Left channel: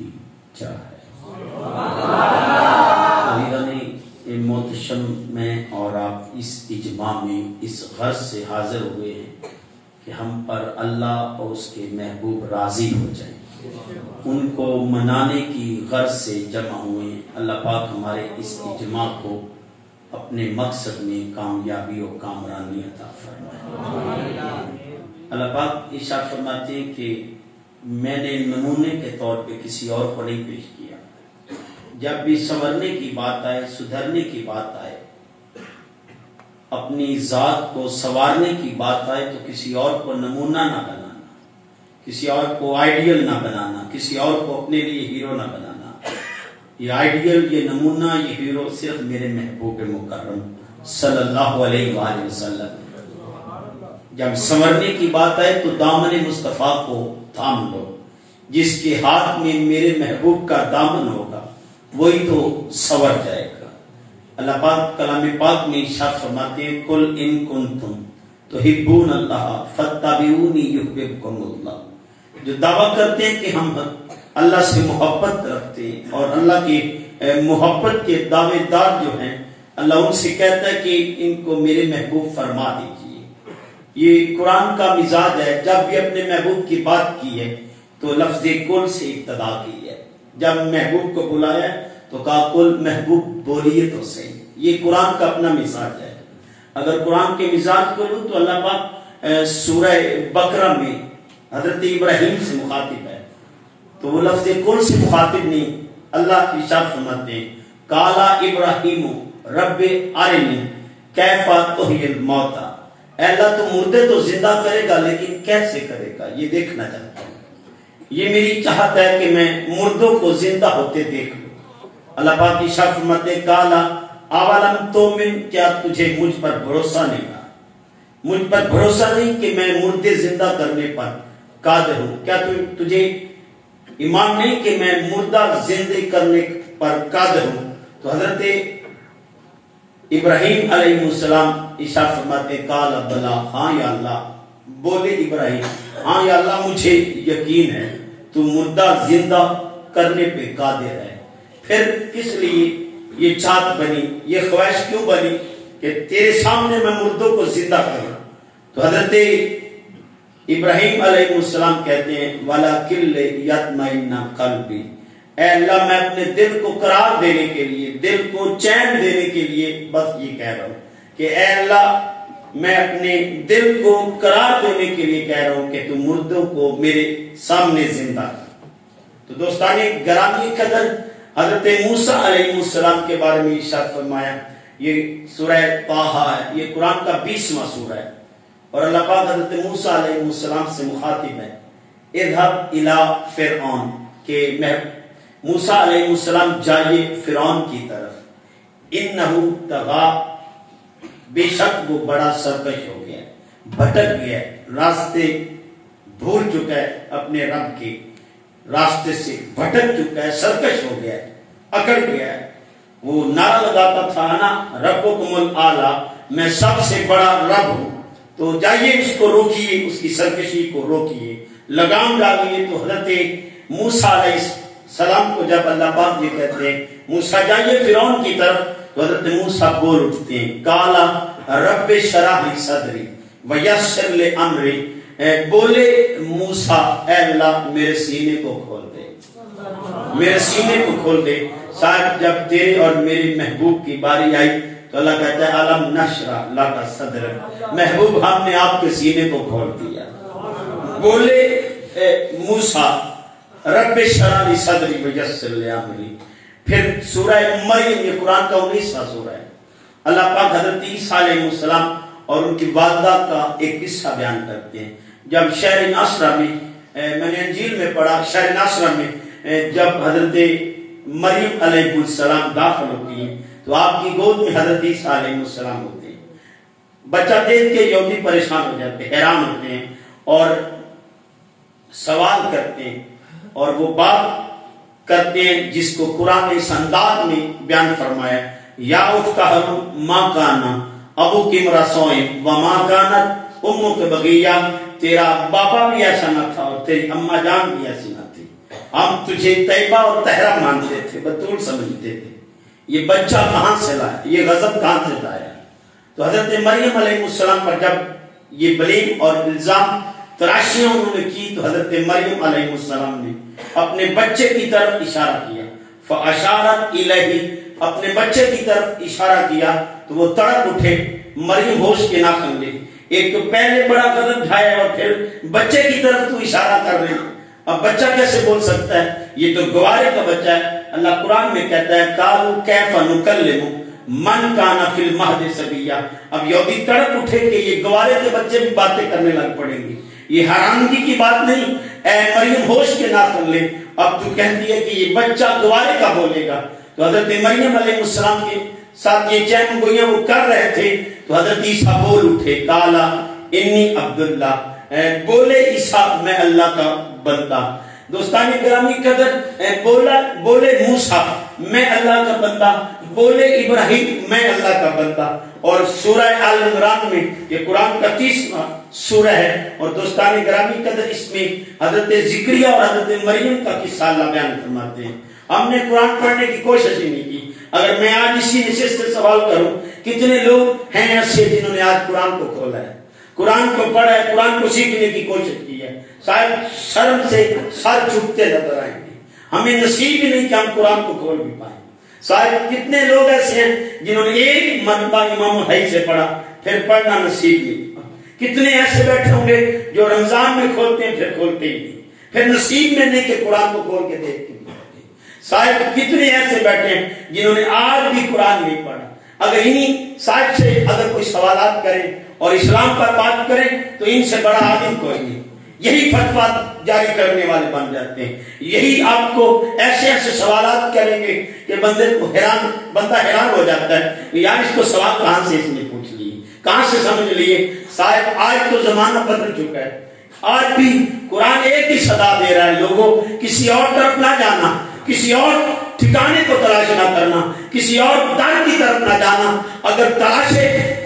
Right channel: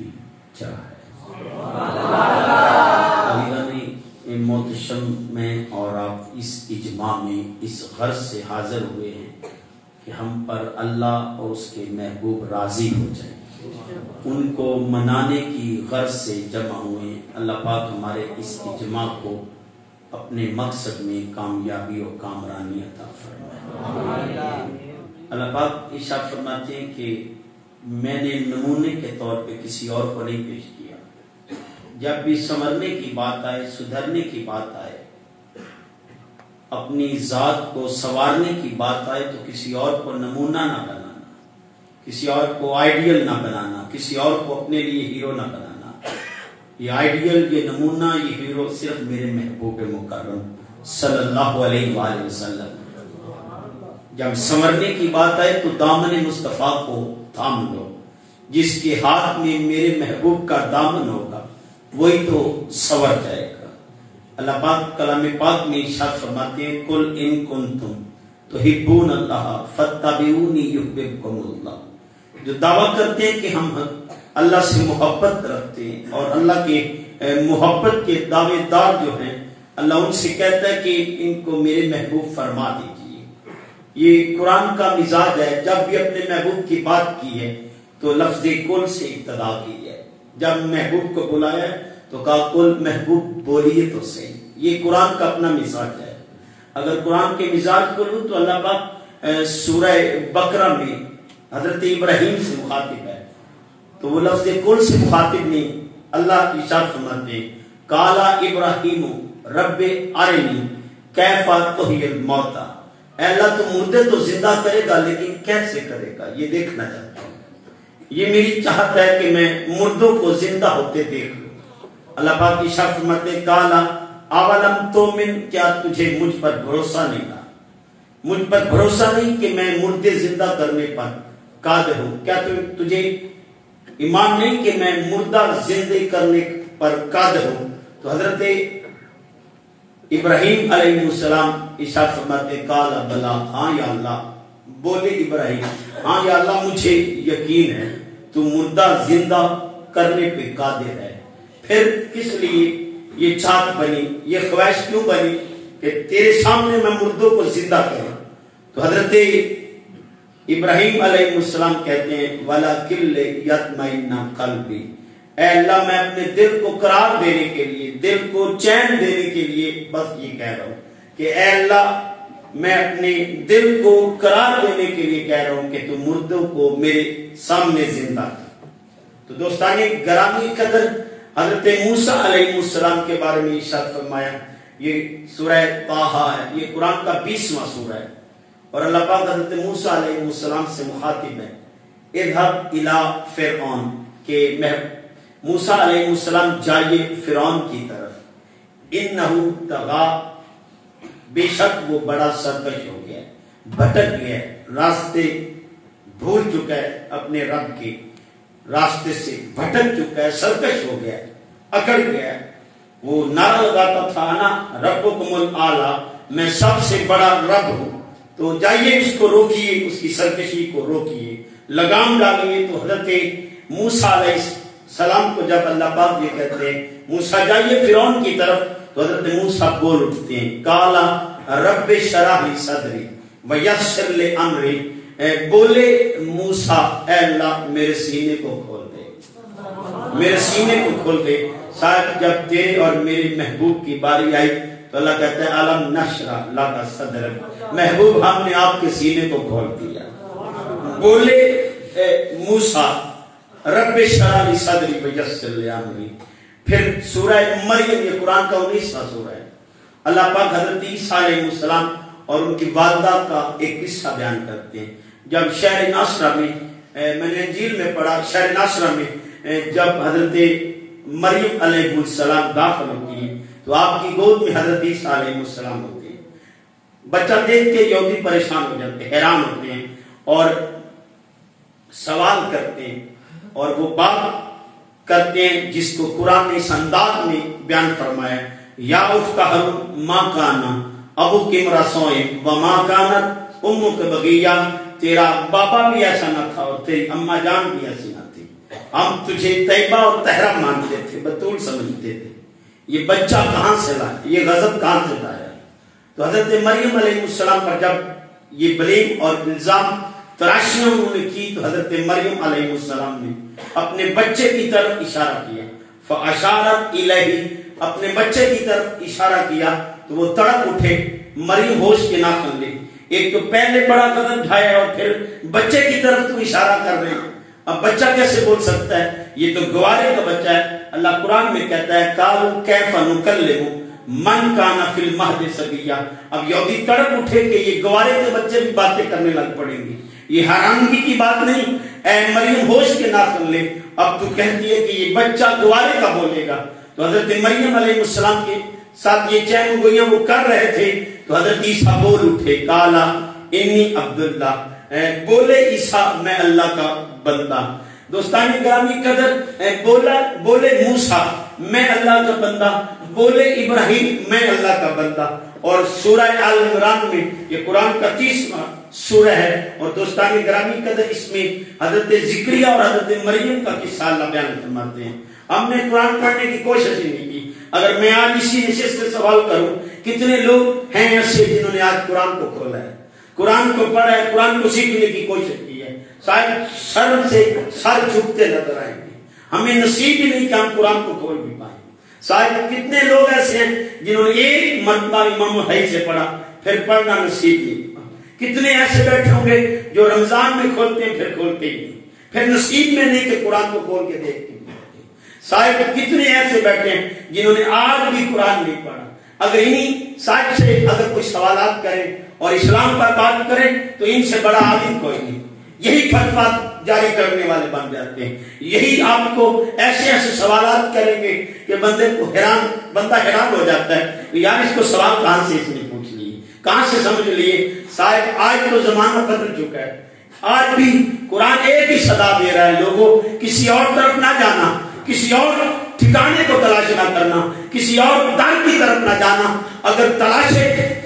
کی چاہے۔ محتشم میں اور آپ اس اجماع میں اس غرض سے حاضر ہوئے ہیں کہ ہم پر اللہ اور اس کے محبوب راضی ہو جائیں، ان کو منانے کی غرض سے جمع ہوئے ہیں۔ اللہ پاک ہمارے اس اجماع کو اپنے مقصد میں کامیابی اور کامرانی عطا فرمائے۔ اللہ پاک ارشاد فرماتے ہیں کہ میں نے نمونے کے طور پہ کسی اور کو نہیں پیش کیا، جب بھی سنورنے کی بات آئے، سدھرنے کی بات آئے، اپنی ذات کو سنوارنے کی بات آئے تو کسی اور کو نمونہ نہ بنانا، کسی اور کو آئیڈیل نہ بنانا، کسی اور کو اپنے لیے ہیرو نہ بنانا۔ یہ آئیڈیل، یہ نمونہ، یہ ہیرو صرف میرے محبوب مکرم صلی اللہ علیہ وآلہ وسلم۔ جب سنورنے کی بات آئے تو دامن مصطفیٰ کو تھام لو، جس کے ہاتھ میں میرے محبوب کا دامن ہوگا وہی تو سنور جائے گا۔ اللہ پاک کلام پاک میں ارشاد فرماتے ہیں قل ان کنتم تحبون اللہ فاتبعونی یحببکم اللہ۔ جو دعویٰ کرتے ہیں کہ ہم اللہ سے محبت رکھتے ہیں اور اللہ کے محبت کے دعوے دار جو ہیں، اللہ ان سے کہتا ہے کہ ان کو میرے محبوب فرما دیجیے۔ یہ قرآن کا مزاج ہے، جب بھی اپنے محبوب کی بات کی ہے تو لفظ کل سے ابتدا کی ہے، جب محبوب کو بلایا تو کہا کل محبوب بولیے تو صحیح۔ یہ قرآن کا اپنا مزاج ہے۔ اگر قرآن کے مزاج کو لوں تو اللہ پاک سورہ بقرہ میں حضرت ابراہیم سے مخاطب ہے تو وہ لفظ کل سے مخاطب نہیں۔ اللہ ارشاد فرماتے ہیں قال ابراہیم رب ارنی کیف تحیی الموتى، اے اللہ تو مردے تو زندہ کرے گا لیکن کیسے کرے گا یہ دیکھنا چاہتا ہوں۔ یہ میری چاہت ہے کہ میں مردوں کو زندہ ہوتے دیکھ لوں۔ اللہ پاک ارشاد فرماتے ہیں قال اولم تؤمن، کیا تجھے مجھ پر بھروسہ نہیں ہے؟ مجھ پر بھروسہ نہیں کہ میں مردے زندہ کرنے پر قادر ہوں؟ کیا تجھے ایمان نہیں کہ میں مردہ زندہ کرنے پر قادر ہوں؟ تو حضرت ابراہیم علیہ السلام ارشاد فرماتے ہیں قال بلا، ہاں یا اللہ، بولے ابراہیم ہاں یا اللہ مجھے یقین ہے تو مردہ زندہ کرنے پہ قادر ہے۔ پھر کس لیے یہ چاہت بنی، یہ خواہش کیوں بنی کہ تیرے سامنے میں مردوں کو زندہ کروں؟ تو حضرت ابراہیم علیہ السلام کہتے ہیں وَلَكِنْ لِيَطْمَئِنَّ قَلْبِي، اے اللہ میں اپنے دل کو قرار دینے کے لیے، دل کو چین دینے کے لیے بس یہ کہہ رہا ہوں کہ اے اللہ میں اپنے دل کو قرار دینے کے لیے کہہ رہا ہوں کہ تم مردوں کو میرے سامنے زندہ کر۔ تو دوستانی گرامی قدر حضرت موسیٰ علیہ السلام کے بارے میں ارشاد فرمایا، یہ سورہ طٰہٰ ہے، یہ قرآن کا 20واں سورہ ہے، اور اللہ پاک حضرت موسیٰ علیہ السلام سے مخاطب ہے اذهب الى فرعون، کہ موسیٰ علیہ السلام جائیے فرعون کی طرف، انہو طغیٰ، بے شک وہ بڑا سرکش ہو گیا، بھٹک گیا، راستے بھول چکا ہے، اپنے رب کے راستے سے بھٹک چکا ہے، سرکش ہو گیا ہے، اکڑ گیا ہے۔ وہ نعرہ لگاتا تھا انا ربکم الاعلی، میں سب سے بڑا رب ہوں۔ تو جائیے اس کو روکیے، اس کی سرکشی کو روکیے، لگام ڈالیے۔ تو حضرت موسیٰ علیہ السلام کو جب اللہ پاک یہ کہتے ہیں موسیٰ جائیے فرعون کی طرف، تو حضرت موسیٰ بول اٹھتے ہیں قال رب اشرح لی صدری ویسر لی امری، بولے موسیٰ اے اللہ میرے سینے کو کھول دے، میرے سینے کو کھول دے۔ شاید جب تیرے اور میرے محبوب کی باری آئی تو اللہ کہتا ہے الم نشرح لک صدرک، محبوب ہم نے آپ کے سینے کو کھول دیا۔ بولے موسیٰ رب اشرح لی صدری ویسر لی امری۔ پھر سورہ مریم، یہ قرآن کا 19واں سورہ ہے، اللہ پاک حضرت عیسیٰ علیہ السلام اور ان کی والدہ کا ایک قصہ بیان کرتے ہیں۔ جب شہر ناصرہ میں، میں نے انجیل میں پڑھا، شہر ناصرہ میں جب حضرت مریم علیہ السلام داخل ہوتی ہیں تو آپ کی گود میں حضرت عیسیٰ علیہ السلام ہوتے ہیں۔ بچہ دیکھ کے یہودی پریشان ہو جاتے ہیں، حیران ہوتے ہیں اور سوال کرتے ہیں، اور وہ بات کرتے ہیں جس کو قرآن نے اس انداز میں بیان فرمایا یا اخت ہارون ما کانا ابوک امرأ سوء وما کانت امک بغیہ، تیرا بابا بھی ایسا نہ تھا اور تیری اماں جان بھی ایسی نہ تھی۔ ہم تجھے طیبہ اور طہرہ مانتے تھے، بطول سمجھتے تھے، یہ بچہ کہاں سے لایا، یہ غضب کہاں سے لایا؟ تو حضرت مریم علیہ السلام پر جب یہ بلیم اور الزام تراشیاں انہوں نے کی تو حضرت مریم علیہ السلام نے اپنے بچے کی طرف اشارہ کیا، فاشارت الیہ، اپنے بچے کی طرف اشارہ کیا تو وہ تڑپ اٹھے، مریم ہوش کے ناخن لے، ایک تو پہلے بڑا قدم اٹھایا اور پھر بچے کی طرف تو اشارہ کر رہے ہیں، اب بچہ کیسے بول سکتا ہے؟ یہ تو گوارے کا بچہ ہے۔ اللہ قرآن میں کہتا ہے قالوا کیف نکلم من کان فی المہد صبیا، اب یہودی تڑپ اٹھے کہ یہ گوارے کے بچے بھی باتیں کرنے لگ پڑیں گے، یہ حیرانگی کی بات نہیں، اے مریم ہوش کے ناخن لے، اب تو کہتی ہے کہ یہ بچہ گوارے کا بولے گا۔ تو حضرت مریم علیہ السلام کے ساتھ یہ چین گوئیاں وہ کر رہے تھے تو حضرت عیسیٰ بول اٹھے، قالا انی عبداللہ، بولے عیسیٰ میں اللہ کا بندہ۔ دوستان گرامی قدر، بولے موسیٰ میں اللہ کا بندہ، بولے ابراہیم میں اللہ کا بندہ۔ اور سورہ آل عمران میں یہ قرآن کا 30واں سورہ ہے، اور دوستان گرامی قدر اس میں حضرت زکریا اور حضرت مریم کا قصہ اللہ بیان فرماتے ہیں۔ ہم نے قرآن پڑھنے کی کوشش ہی نہیں کی۔ اگر میں آج اسی نشست سے سوال کروں کتنے لوگ ہیں ایسے جنہوں نے آج قرآن کو کھولا ہے، قرآن کو پڑھا ہے، قرآن کو سیکھنے کی کوشش کی ہے؟ شاید شرم سے سر جھکتے نظر آئیں گے، ہمیں نصیب ہی نہیں کہ ہم قرآن کو کھول بھی پائیں۔ شاید کتنے لوگ ایسے ہیں جنہوں نے ایک مرتبہ امام الحی سے پڑھا پھر پڑھنا نصیب نہیں ہوا۔ کتنے ایسے بیٹھے ہوں گے جو رمضان میں کھولتے ہیں پھر کھولتے ہی نہیں، پھر نصیب میں نہیں کہ قرآن کو کھول کے دیکھتے ہیں۔ صاحب کتنے ایسے بیٹھے ہیں جنہوں نے آج بھی قرآن نہیں پڑھا۔ اگر انہیں صاحب سے اگر کوئی سوالات کریں اور اسلام پر بات کریں تو ان سے بڑا عالم کوئی نہیں، یہی فتویٰ جاری کرنے والے بن جاتے ہیں، یہی آپ کو ایسے ایسے سوالات کریں گے کہ بندہ حیران ہو جاتا ہے، یار اس کو سوال کہاں سے اس نے پوچھ لیے، کہاں سے سمجھ لیے۔ صاحب آج تو زمانہ بدل چکا ہے، آج بھی قرآن ایک ہی صدا دے رہا ہے، لوگوں کسی اور طرف نہ جانا، کسی اور ٹھکانے کو تلاش نہ کرنا، کسی اور در کی طرف نہ جانا۔ اگر تلاش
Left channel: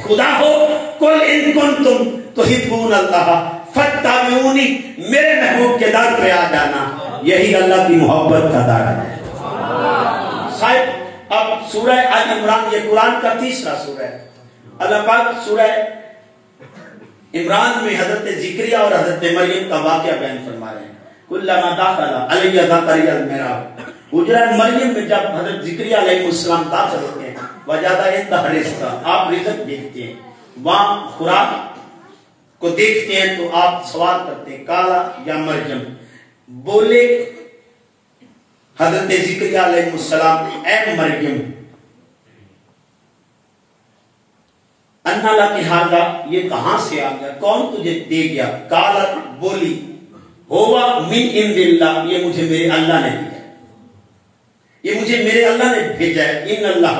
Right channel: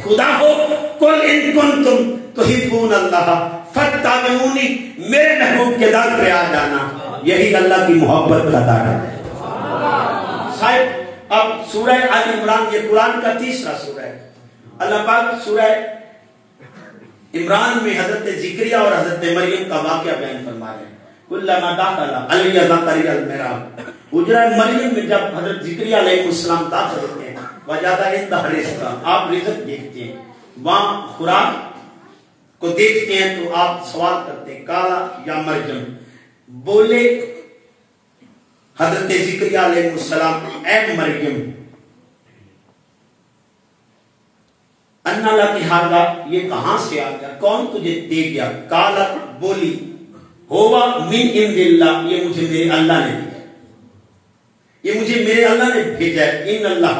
خدا ہو قل ان کنتم تحبون اللہ فاتبعونی، میرے محبوب کے در پہ آ جانا، یہی اللہ کی محبت کا در ہے۔ صاحب اب سورہ آل عمران یہ قرآن کا 30واں سورہ ہے۔ اللہ پاک سورہ عمران میں حضرت زکریا اور حضرت مریم کا واقعہ بیان فرما رہے ہیں۔ کلما دخل علی زکریا المحراب، حجرہ مریم میں جب حضرت زکریا علیہ السلام داخل ہوتے ہیں، وجدہ عندہ رزقا، آپ رزق دیکھتے ہیں، وہاں خوراک کو دیکھتے ہیں تو آپ سوال کرتے ہیں کالا یا مریم، بولے حضرت زکریا علیہ السلام اے مریم انا لکی ھذا، یہ کہاں سے آ گیا، کون تجھے دے گیا؟ کالا بولی ہوا من عند اللہ، یہ مجھے میرے اللہ نے دیا، یہ مجھے میرے اللہ نے بھیجا ہے۔ ان اللہ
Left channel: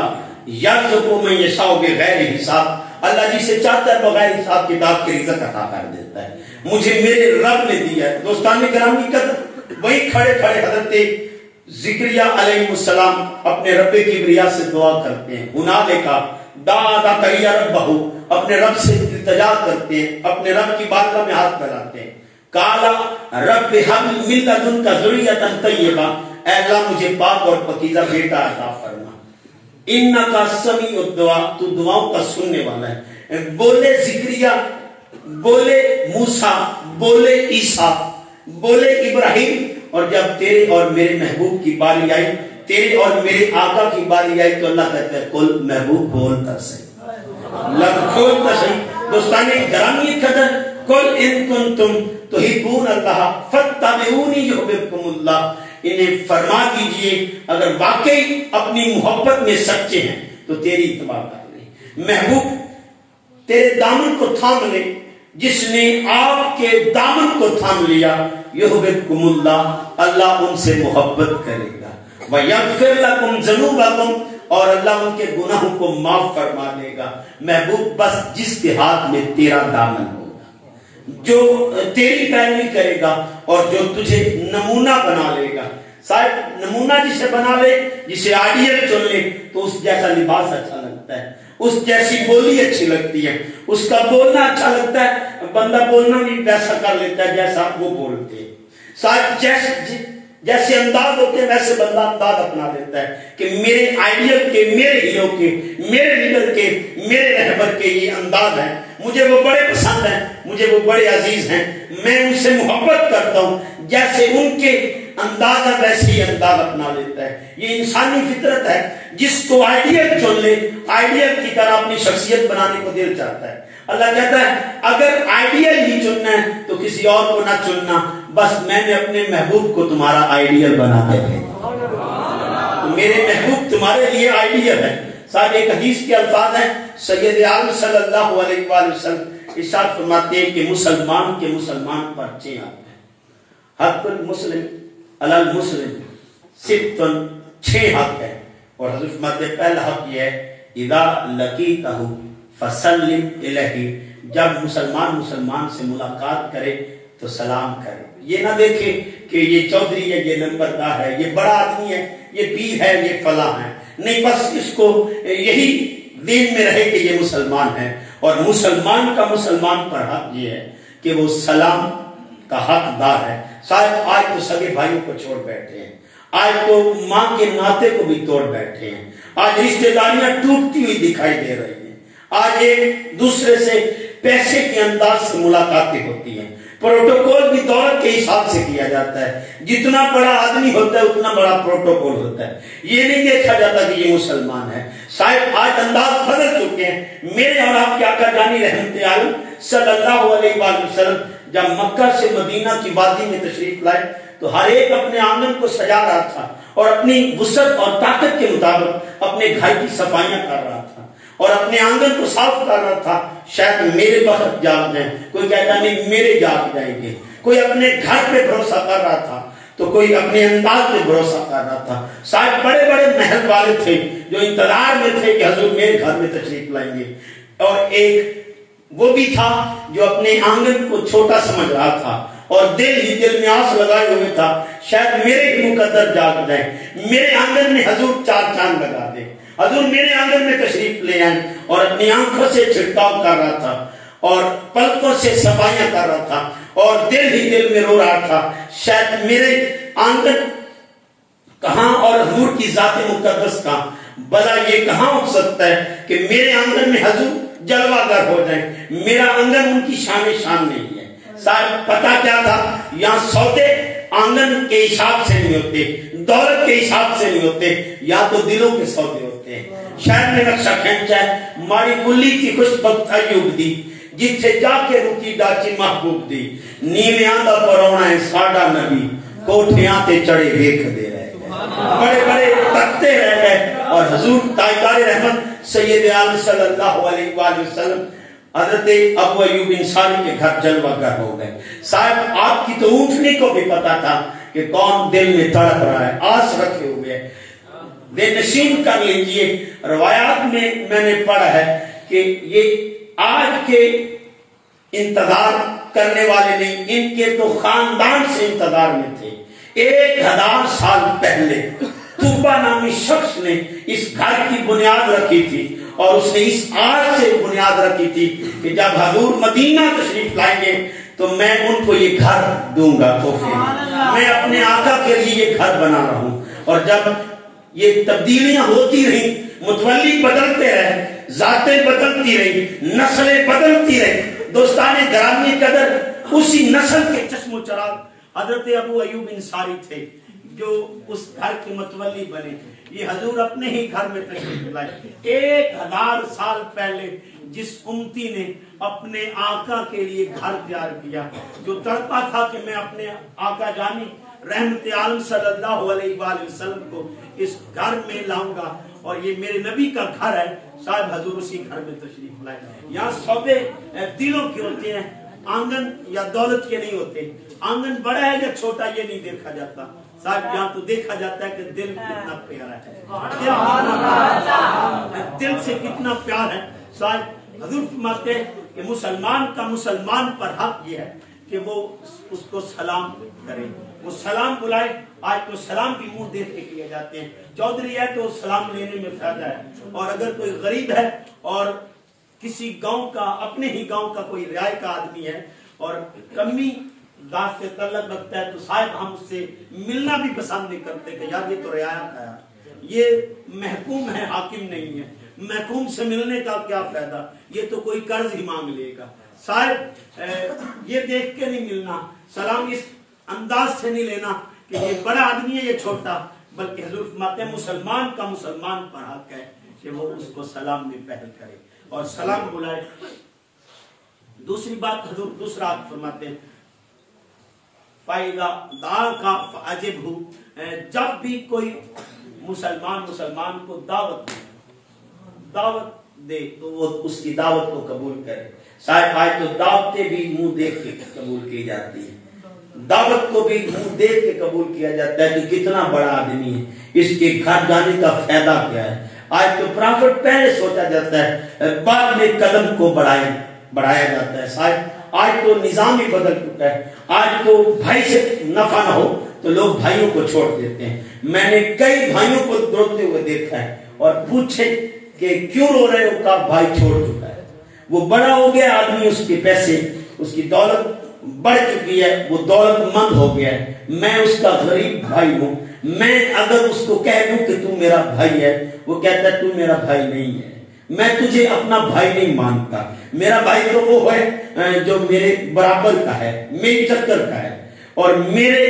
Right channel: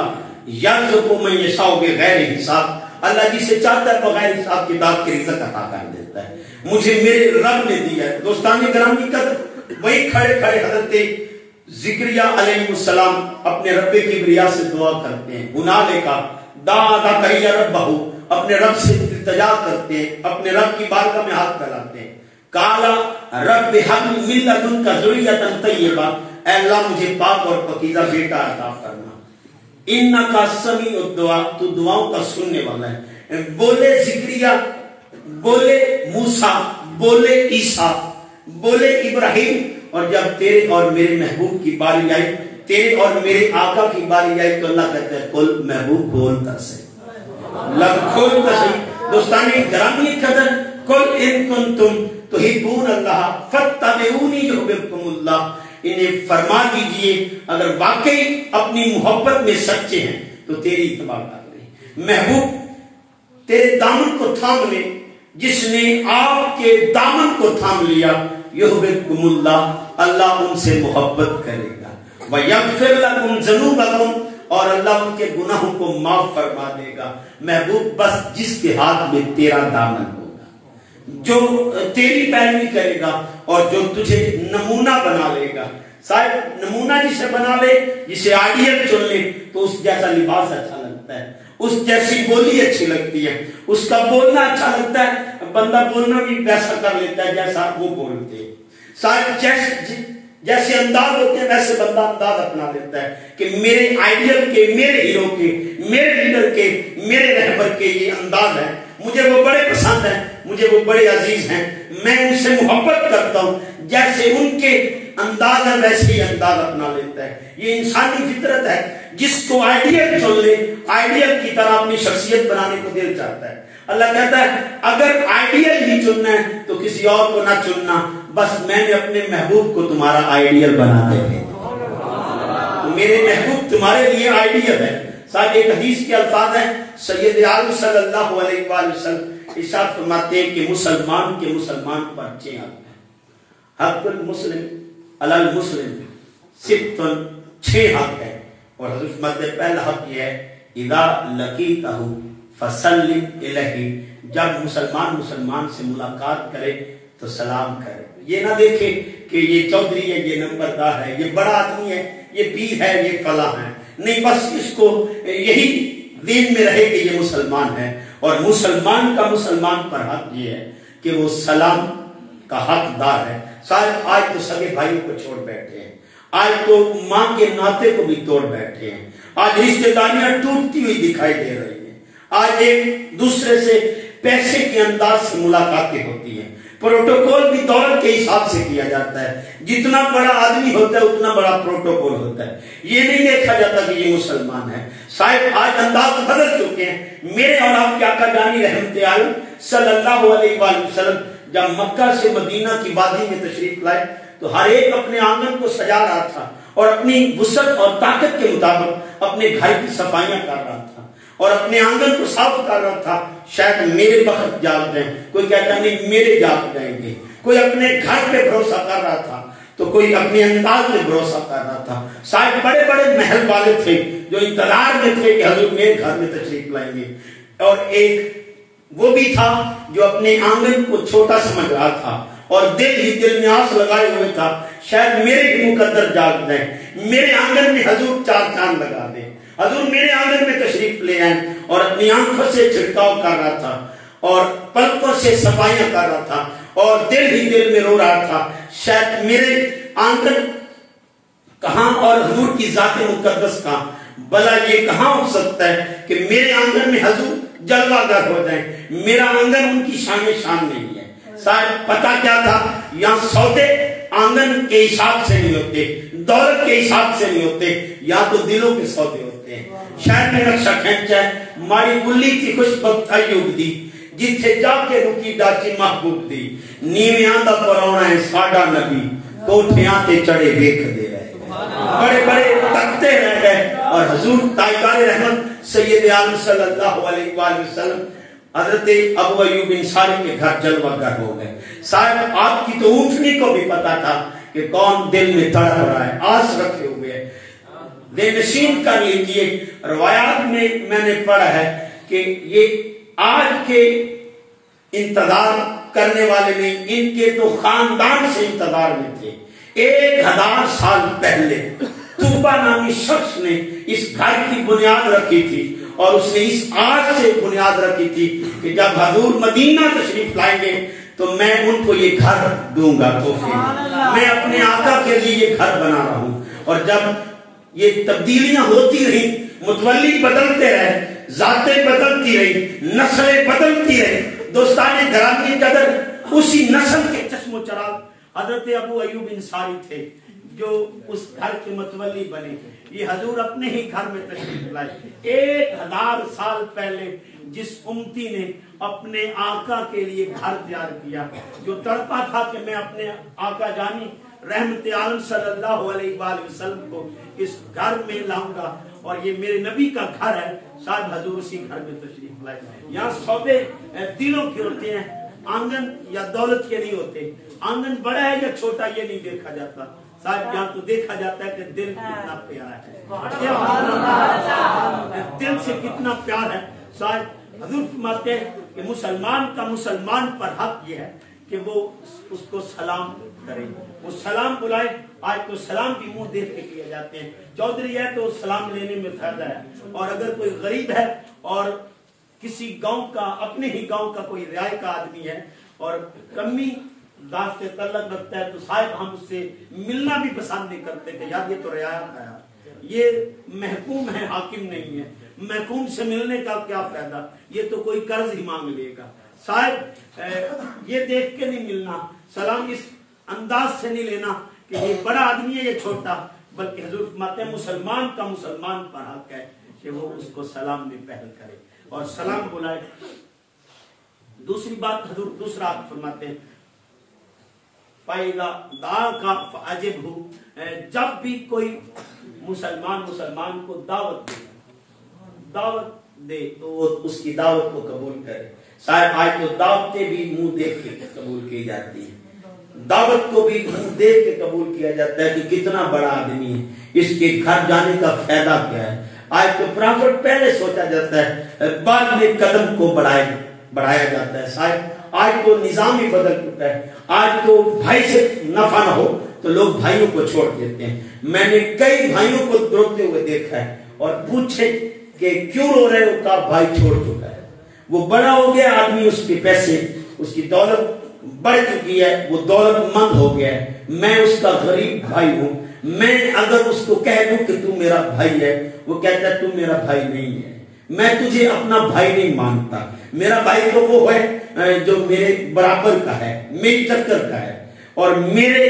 یرزق من یشاء بغیر حساب، اللہ جسے چاہتا ہے بغیر حساب کتاب کے رزق عطا کر دیتا ہے، مجھے میرے رب نے دیا ہے۔ دوستان کرام کی قدر، وہی کھڑے کھڑے حضرت زکریا علیہ السلام اپنے رب کبریا سے دعا کرتے ہیں، ہنالک دعا زکریا ربہ، اپنے رب سے التجا کرتے ہیں، اپنے رب کی بارگاہ میں ہاتھ پھیلاتے ہیں، کالا رب ہب من لدنک ذریۃ طیبہ، اے اللہ مجھے پاک اور پاکیزہ بیٹا عطا فرما، انک سمیع الدعاء، تو دعاؤں کا سننے والا ہے۔ بولے زکریا، بولے موسیٰ، بولے عیسیٰ، بولے ابراہیم، اور جب تیرے اور میرے محبوب کی باری آئی، تیرے اور میرے آقا کی باری آئی تو اللہ کہتا ہے کل محبوب بولتا سے کھولتا سے۔ دوستانی گرامی قدر، کل ان کنتم تحبون اللہ فاتبعونی یحببکم اللہ، انہیں فرما دیجئے اگر واقعی اپنی محبت میں سچے ہیں تو تیری اتباع کر لیں، محبوب تیرے دامن کو تھام لے، جس نے آپ کے دامن کو تھام لیا، یحببکم اللہ، اللہ ان سے محبت کرے گا، وَيَغْفِرْ لَكُمْ ذُنُوبَكُمْ، اور اللہ ان کے گناہوں کو معاف فرما دے گا۔ محبوب بس جس کے ہاتھ میں تیرا دامن ہوگا، جو تیری پیروی کرے گا اور جو تجھے نمونہ بنا لے گا۔ صاحب نمونہ جسے بنا لے، جسے آئیڈیل چن لے تو اس جیسا لباس اچھا لگتا ہے، اس جیسی بولی اچھی لگتی ہے، اس کا بولنا اچھا لگتا ہے، بندہ بولنا بھی ویسا کر لیتا ہے جیسا وہ بولتے ہیں۔ جیسے انداز ہوتے ہیں ویسے بندہ انداز اپنا لیتا ہے کہ میرے آئیڈیل کے، میرے ہیرو کے، میرے لیڈر کے، میرے رہبر کے یہ انداز ہے، مجھے وہ بڑے پسند ہیں، مجھے وہ بڑے عزیز ہیں، میں ان سے محبت کرتا ہوں، جیسے ان کے انداز ہے ویسے ہی انداز اپنا لیتا ہے۔ یہ انسانی فطرت ہے، جس کو آئیڈیل چن لے آئیڈیل کی طرح اپنی شخصیت بنانے کو دل چاہتا ہے۔ اللہ کہتا ہے اگر آئیڈیل ہی چننا ہے تو کسی اور کو نہ چننا، بس میں نے اپنے محبوب کو تمہارا آئیڈیل بنا دے گا، تو میرے محبوب تمہارے لیے آئیڈیل ہے۔ صاحب ایک حدیث کے الفاظ ہیں، سید عالم صلی اللہ علیہ وآلہ وسلم ارشاد فرماتے ہیں کہ مسلمان کے مسلمان پر 6 حق ہیں، حق المسلم علی المسلم ستن، 6 حق ہے، اور حضرت فرماتے ہیں پہلا حق یہ ہے اذا لقیتہ فسلم الیہ، جب مسلمان سے ملاقات کرے تو سلام کرے۔ یہ نہ دیکھے کہ یہ چودھری ہے، یہ نمبردار ہے، یہ بڑا آدمی ہے، یہ پیر ہے، یہ فلاں ہے، نہیں، بس اس کو یہی دین میں رہے کہ یہ مسلمان ہے۔ اور مسلمان کا مسلمان پر حق یہ ہے کہ وہ سلام کا حقدار ہے۔ شاید آج تو سگے بھائیوں کو چھوڑ بیٹھے ہیں، آج تو ماں کے ناطے کو بھی توڑ بیٹھے ہیں، آج رشتے داریاں ٹوٹتی ہوئی دکھائی دے رہی ہیں، آج ایک دوسرے سے پیسے کے انداز سے ملاقاتیں ہوتی ہیں، پروٹوکول بھی دولت کے حساب سے کیا جاتا ہے، جتنا بڑا آدمی ہوتا ہے اتنا بڑا پروٹوکول ہوتا ہے، یہ نہیں دیکھا جاتا کہ یہ مسلمان ہے۔ شاید آج انداز بدل چکے ہیں۔ میرے اور آپ کے آقا جانی رحمت عالم صلی اللہ علیہ وآلہ وسلم جب مکہ سے مدینہ کی وادی میں تشریف لائے تو ہر ایک اپنے آنگن کو سجا رہا تھا اور اپنی وسعت اور طاقت کے مطابق اپنے گھر کی صفائیاں کر رہا تھا اور اپنے آنگن کو صاف کر رہا تھا۔ شاید میرے وقت جاگ جائیں، کوئی کہتا نہیں میرے جاگ جائیں گے، کوئی اپنے گھر پہ بھروسہ کر رہا تھا تو کوئی اپنے انداز پہ بھروسہ کر رہا تھا۔ شاید بڑے بڑے محل والے تھے جو انتظار میں تھے کہ حضور میرے گھر میں تشریف لائیں گے، اور ایک وہ بھی تھا جو اپنے آنگن کو چھوٹا سمجھ رہا تھا اور دل ہی دل میں آس لگائے ہوئے تھا شاید میرے ہی مقدر جاگ جائیں، میرے آنگن میں حضور 4 چاند لگا دے، حضور میرے آنگن میں تشریف لے آئیں، اور اپنی آنکھوں سے چھڑکاؤ کر رہا تھا اور پلکوں سے صفائیاں کر رہا تھا اور دل ہی دل میں رو رہا تھا شاید میرے آنگن کہاں اور حضور کی ذات مقدس کا بلا یہ کہاں ہو سکتا ہے کہ میرے آنگن میں حضور جلوہ گر ہو جائیں، میرا آنگن ان کی شان نہیں ہے۔ صاحب پتا کیا تھا، یہاں سودے آنگن کے حساب سے نہیں ہوتے، دولت کے حساب سے نہیں ہوتے، یا تو دلوں کے سودے ہوتے ہیں۔ شہر میں نقشہ کھینچا ہے، ماری گلی کی خوش بخت ایوب دی، جتھے جا کے رکی ڈاچی محبوب دی، نیویاں دا پرونا ہے ساڈا نبی، کوٹھیاں تے چڑھے ویکھ دے رہے، بڑے بڑے تختے رہ گئے، اور حضور تاجدار رحمت سید عالم صلی اللہ علیہ وآلہ وسلم حضرت ابو ایوب انصاری کے گھر جلوہ گر ہو گئے۔ صاحب آپ کی تو اونٹنی کو بھی پتا تھا کہ کون دل میں تڑپ رہا ہے، آس رکھے ہوئے ہے، بے نشین کر لیجئے۔ روایات میں نے پڑھا ہے کہ یہ آج کے انتظار کرنے والے نہیں، ان کے تو خاندان سے انتظار میں تھے۔ 1000 سال پہلے طوبہ نامی شخص نے اس گھر کی بنیاد رکھی تھی، اور اس نے اس آج سے بنیاد رکھی تھی کہ جب حضور مدینہ تشریف لائیں گے تو میں ان کو یہ گھر دوں گا تحفے میں، میں اپنے آقا کے لیے یہ گھر بنا رہا ہوں۔ اور جب یہ تبدیلیاں ہوتی رہی، متولی بدلتے رہے، ذاتیں بدلتی رہی، نسلیں بدلتی رہی، دوستان گرامی قدر اسی نسل کے چشم و چراغ حضرت ابو ایوب انصاری تھے جو اس گھر کے متولی بنے۔ یہ حضور اپنے ہی گھر میں تشریف لائے۔ 1000 سال پہلے جس امتی نے اپنے آقا کے لیے گھر تیار کیا، جو تڑپا تھا کہ میں اپنے آقا جانی رحمت عالم صلی اللہ علیہ وآلہ وسلم کو اس گھر میں لاؤں گا اور یہ میرے نبی کا گھر ہے، شاید حضور اسی گھر میں تشریف لائے۔ یہاں سودے دلوں کے ہوتے ہیں، آنگن یا دولت کے نہیں ہوتے۔ آنگن بڑا ہے یا چھوٹا یہ نہیں دیکھا جاتا صاحب، یہاں تو دیکھا جاتا ہے کہ دل کتنا پیارا ہے، دل سے کتنا پیار ہے۔ صاحب حضور فرماتے ہیں کہ مسلمان کا مسلمان پر حق یہ ہے کہ وہ اس کو سلام کرے، وہ سلام بلائے۔ آج تو سلام بھی منہ دیکھ کے کیے جاتے ہیں، چودھری ہے تو سلام لینے میں فائدہ ہے، اور اگر کوئی غریب ہے اور کسی گاؤں کا، اپنے ہی گاؤں کا کوئی رعایا کا آدمی ہے اور کمی ذات سے تعلق رکھتا ہے تو صاحب ہم اس سے ملنا بھی پسند نہیں کرتے کہ یار یہ تو رعایا کا ہے، یہ محکوم ہے، حاکم نہیں ہے، محکوم سے ملنے کا کیا فائدہ، یہ تو کوئی قرض ہی مانگ لے گا۔ صاحب یہ دیکھ کے نہیں ملنا، سلام اس انداز سے نہیں لینا کہ یہ بڑا آدمی ہے یہ چھوٹا، بلکہ حضور فرماتے ہیں مسلمان کا مسلمان پر حق ہے کہ وہ اس کو سلام میں پہل کرے اور سلام بلائے۔ دوسری بات حضور دوسرا حق فرماتے ہیں فَإِذَا دَعَاكَ فَأَجِبْهُ، جب بھی کوئی مسلمان کو دعوت دے تو وہ اس کی دعوت کو قبول کرے۔ صاحب آج تو دعوتیں بھی منہ دیکھ کے قبول کی جاتی ہیں، دعوت کو بھی منہ دیکھ کے قبول کیا جاتا ہے کہ کتنا بڑا آدمی ہے، اس کے گھر جانے کا فائدہ کیا ہے۔ آج تو پرافٹ پہلے سوچا جاتا ہے، بعد میں قدم کو بڑھایا جاتا ہے۔ صاحب آج تو نظام ہی بدل چکا ہے، آج تو بھائی سے نفع نہ ہو تو لوگ بھائیوں کو چھوڑ دیتے ہیں۔ میں نے کئی بھائیوں کو روتے ہوئے دیکھا ہے اور پوچھے کہ کیوں رو رہے ہو، کہا بھائی چھوڑ چکا ہے، وہ بڑا ہو گیا آدمی، اس کے پیسے اس کی دولت بڑھ چکی ہے، وہ دولت مند ہو گیا ہے، میں اس کا غریب بھائی ہوں، میں اگر اس کو کہہ دوں کہ تو میرا بھائی ہے، وہ کہتا ہے تو میرا بھائی نہیں ہے، میں تجھے اپنا بھائی نہیں مانتا، میرا بھائی تو وہ ہے جو میرے برابر کا ہے، میری چکر کا ہے، اور میرے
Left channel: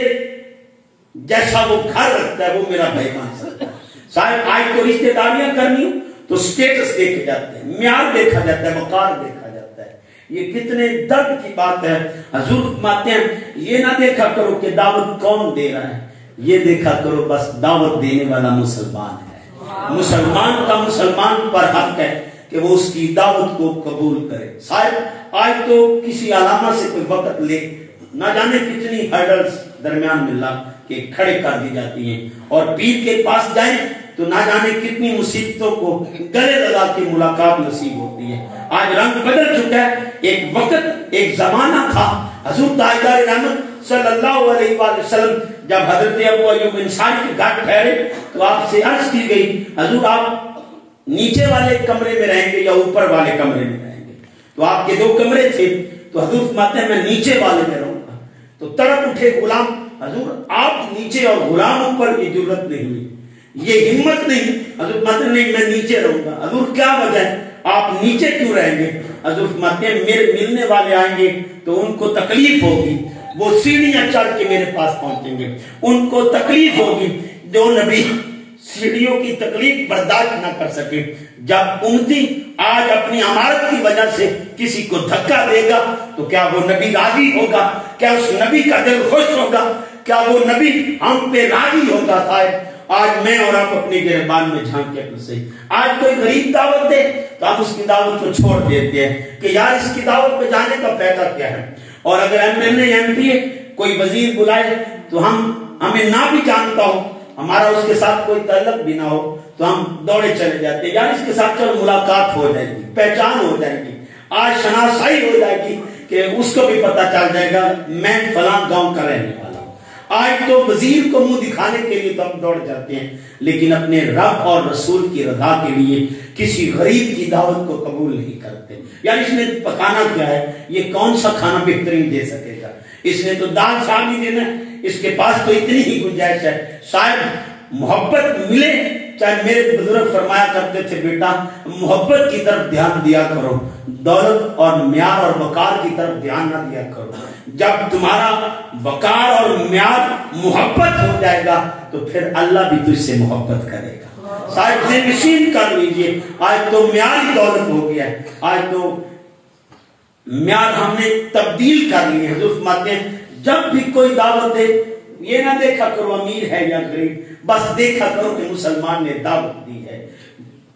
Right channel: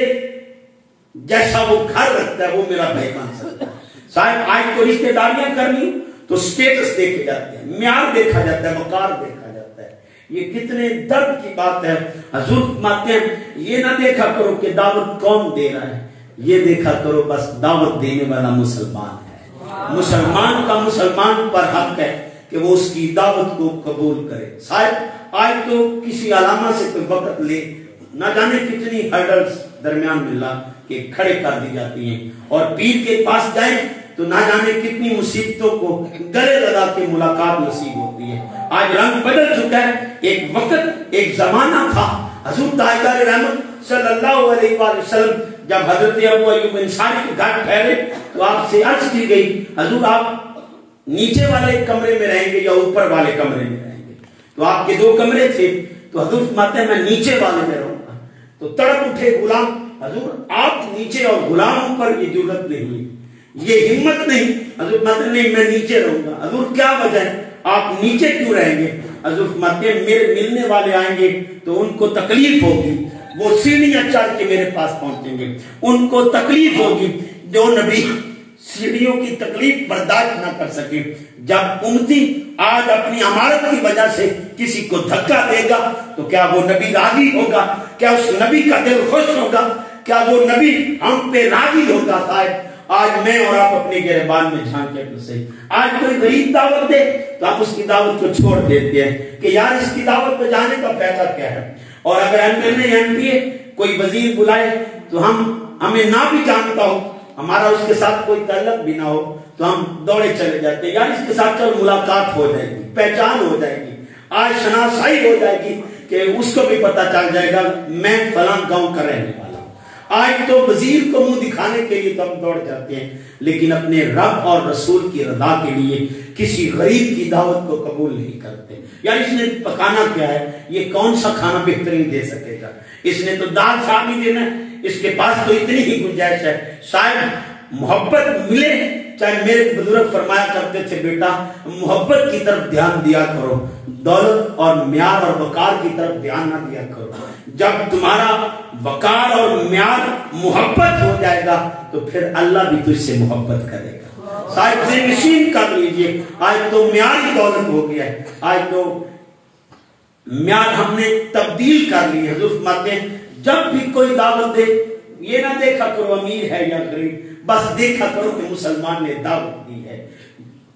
جیسا وہ گھر رکھتا ہے وہ میرا بھائی مان سکتا ہے۔ صاحب آج تو رشتے داریاں کرنی تو سٹیٹس دیکھے جاتے ہیں، معیار دیکھا جاتا ہے، وقار دیکھا جاتا ہے۔ یہ کتنے درد کی بات ہے۔ حضور فرماتے ہیں یہ نہ دیکھا کرو کہ دعوت کون دے رہا ہے، یہ دیکھا کرو بس دعوت دینے والا مسلمان ہے، مسلمان کا مسلمان پر حق ہے کہ وہ اس کی دعوت کو قبول کرے۔ صاحب آج تو کسی علامہ سے کوئی وقت لے، نہ جانے کتنی ہرڈلز درمیان میں لا کے کھڑے کر دی جاتی ہیں، اور پیر کے پاس جائیں تو نہ جانے کتنی مصیبتوں کو گلے لگا کے ملاقات نصیب ہوتی ہے۔ آج رنگ بدل چکا ہے، ایک وقت ایک زمانہ تھا، حضور تاجدار رحمت صلی اللہ علیہ وآلہ وسلم جب حضرت ابو ایوب انصاری کے گھر ٹھہرے تو آپ سے عرض کی گئی حضور آپ نیچے والے کمرے میں رہیں گے یا اوپر والے کمرے میں رہیں گے؟ تو آپ کے 2 کمرے تھے، تو حضور فرماتے ہیں میں نیچے والے میں رہوں گا۔ تو تڑپ اٹھے غلام، حضور آپ نیچے اور غلاموں پر یہ جرأت نہیں ہوئی، یہ ہمت نہیں۔ حضور فرماتے ہیں نہیں میں نیچے رہوں گا۔ حضور کیا وجہ ہے، آپ نیچے کیوں رہیں گے؟ حضور فرماتے ہیں میرے ملنے والے آئیں گے تو ان کو تکلیف ہوگی، وہ سیڑھیاں چڑھ کے میرے پاس پہنچیں گے، ان کو تکلیف ہوگی، جو نبی سیڑھیوں کی تکلیف برداشت نہ کر سکے۔ جب امتی آج اپنی عمارت کی وجہ سے کسی کو دھکا دے گا تو کیا وہ نبی راضی ہوگا؟ کیا اس نبی کا دل خوش ہوگا؟ کیا وہ نبی ہم پہ راضی ہوگا؟ صاحب آج میں اور آپ اپنے گریبان میں جھانکے تو صحیح، آج کوئی غریب دعوت دے تو آپ اس کی دعوت کو چھوڑ دیتے ہیں کہ یار اس کی دعوت پہ جانے کا فائدہ کیا ہے۔ اور اگر ایم کوئی وزیر بلائے تو ہمیں نہ بھی جانتا ہو، ہمارا اس کے ساتھ کوئی تعلق بھی نہ ہو تو ہم دوڑے چلے جاتے ہیں، یار اس کے ساتھ چلو ملاقات ہو جائے گی، پہچان ہو جائے گی، آج شناسائی ہو جائے گی کہ اس کو بھی پتا چل جائے گا میں فلاں گاؤں کا رہنے والا۔ آج تو وزیر کو منہ دکھانے کے لیے تو ہم دوڑ جاتے ہیں، لیکن اپنے رب اور رسول کی رضا کے لیے کسی غریب کی دعوت کو قبول نہیں کرتے۔ یار اس نے پکانا کیا ہے، یہ کون سا کھانا بہترین دے سکے گا، اس نے تو دال شام ہی دینا ہے، اس کے پاس تو اتنی ہی گنجائش ہے۔ شاید محبت ملے، چاہے میرے بزرگ فرمایا کرتے تھے بیٹا محبت کی طرف دھیان دیا کرو، دولت اور معیار اور وقار کی طرف دھیان نہ دیا کرو۔ جب تمہارا وقار اور معیار محبت ہو جائے گا تو پھر اللہ بھی تجھ سے محبت کرے گا۔ صاحب ذہن نشین کر لیجئے، آج تو معیار ہی دولت ہو گیا ہے، آج تو معیار ہم نے تبدیل کر لی ہے۔ حضور فرماتے ہیں جب بھی کوئی دعوت دے یہ نہ دیکھا کرو امیر ہے یا غریب، بس دیکھا کرو کہ مسلمان نے دعوت دی ہے،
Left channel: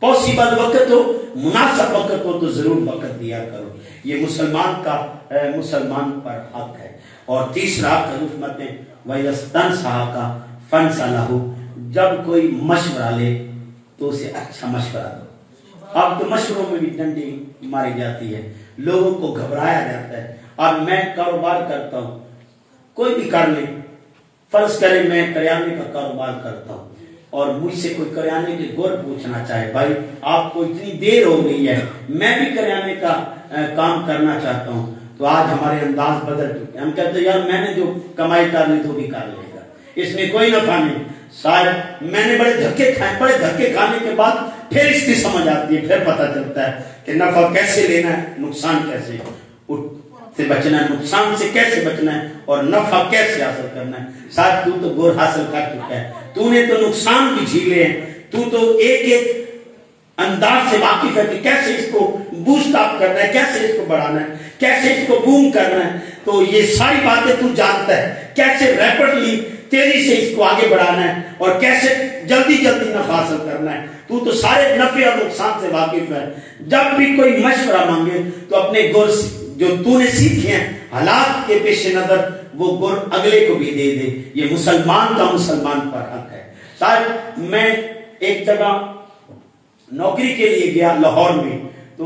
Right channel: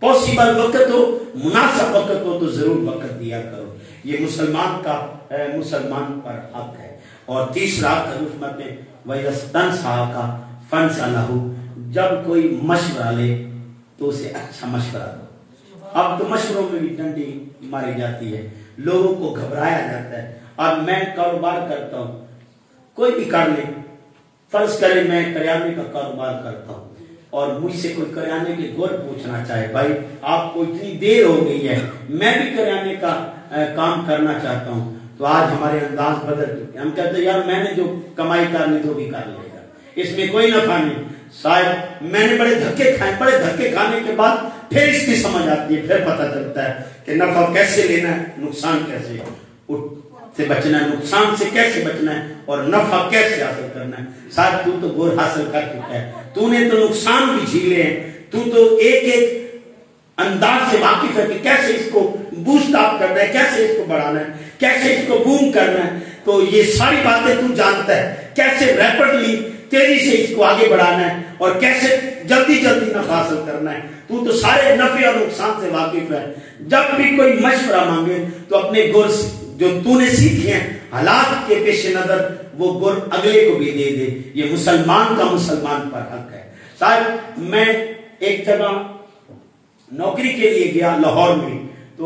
پاسبل وقت ہو مناسب وقت ہو تو ضرور وقت دیا کرو، یہ مسلمان کا مسلمان پر حق ہے۔ اور تیسرا حضور فرماتے ہیں وَيَسْتَنْصَحَكَ فَانْصَحْ لَهُ، جب کوئی مشورہ لے تو اسے اچھا مشورہ دو۔ اب تو مشوروں میں بھی ڈنڈی ماری جاتی ہے، لوگوں کو گھبرایا جاتا ہے۔ اب میں کاروبار کرتا ہوں، کوئی بھی کر لے، فرض کریں میں کریانے کا کاروبار کرتا ہوں اور مجھ سے کوئی کریانے کی گور پوچھنا چاہے بھائی آپ کو اتنی دیر ہو گئی ہے میں بھی کریانے کا کام کرنا چاہتا ہوں، تو آج ہمارے انداز بدل چکے ہیں. ہم کہتے ہیں یار میں نے جو کمائی کر لی تو بھی کر لے گا, اس میں کوئی نفع نہیں. شاید میں نے بڑے دھکے کھائے, بڑے دھکے کھانے کے بعد پھر اس کی سمجھ آتی ہے, پھر پتہ چلتا ہے کہ نفع کیسے لینا ہے, نقصان کیسے سے بچنا ہے, نقصان سے کیسے بچنا ہے, اور نفع کیسے حاصل کرنا ہے. شاید تو گور حاصل کر چکا ہے, تو نے تو نقصان بھی جھیلے ہیں, تو ایک ایک انداز سے واقف ہے کہ کیسے اس کو بوسٹ اپ کرنا ہے, کیسے اس کو بڑھانا ہے, کیسے اس کو بوم کرنا ہے. تو یہ ساری باتیں تو جانتا ہے, کیسے ریپڈلی تیزی سے اس کو آگے بڑھانا ہے اور کیسے جلدی جلدی نفع حاصل کرنا ہے. تو سارے نفع اور نقصان سے واقف ہے. جب بھی کوئی مشورہ مانگے تو اپنے گر جو تو نے سیکھے ہیں حالات کے پیش نظر وہ گر اگلے کو بھی دے دے. یہ مسلمان کا مسلمان پر حق ہے. صاحب میں ایک جگہ نوکری کے لیے گیا لاہور میں, تو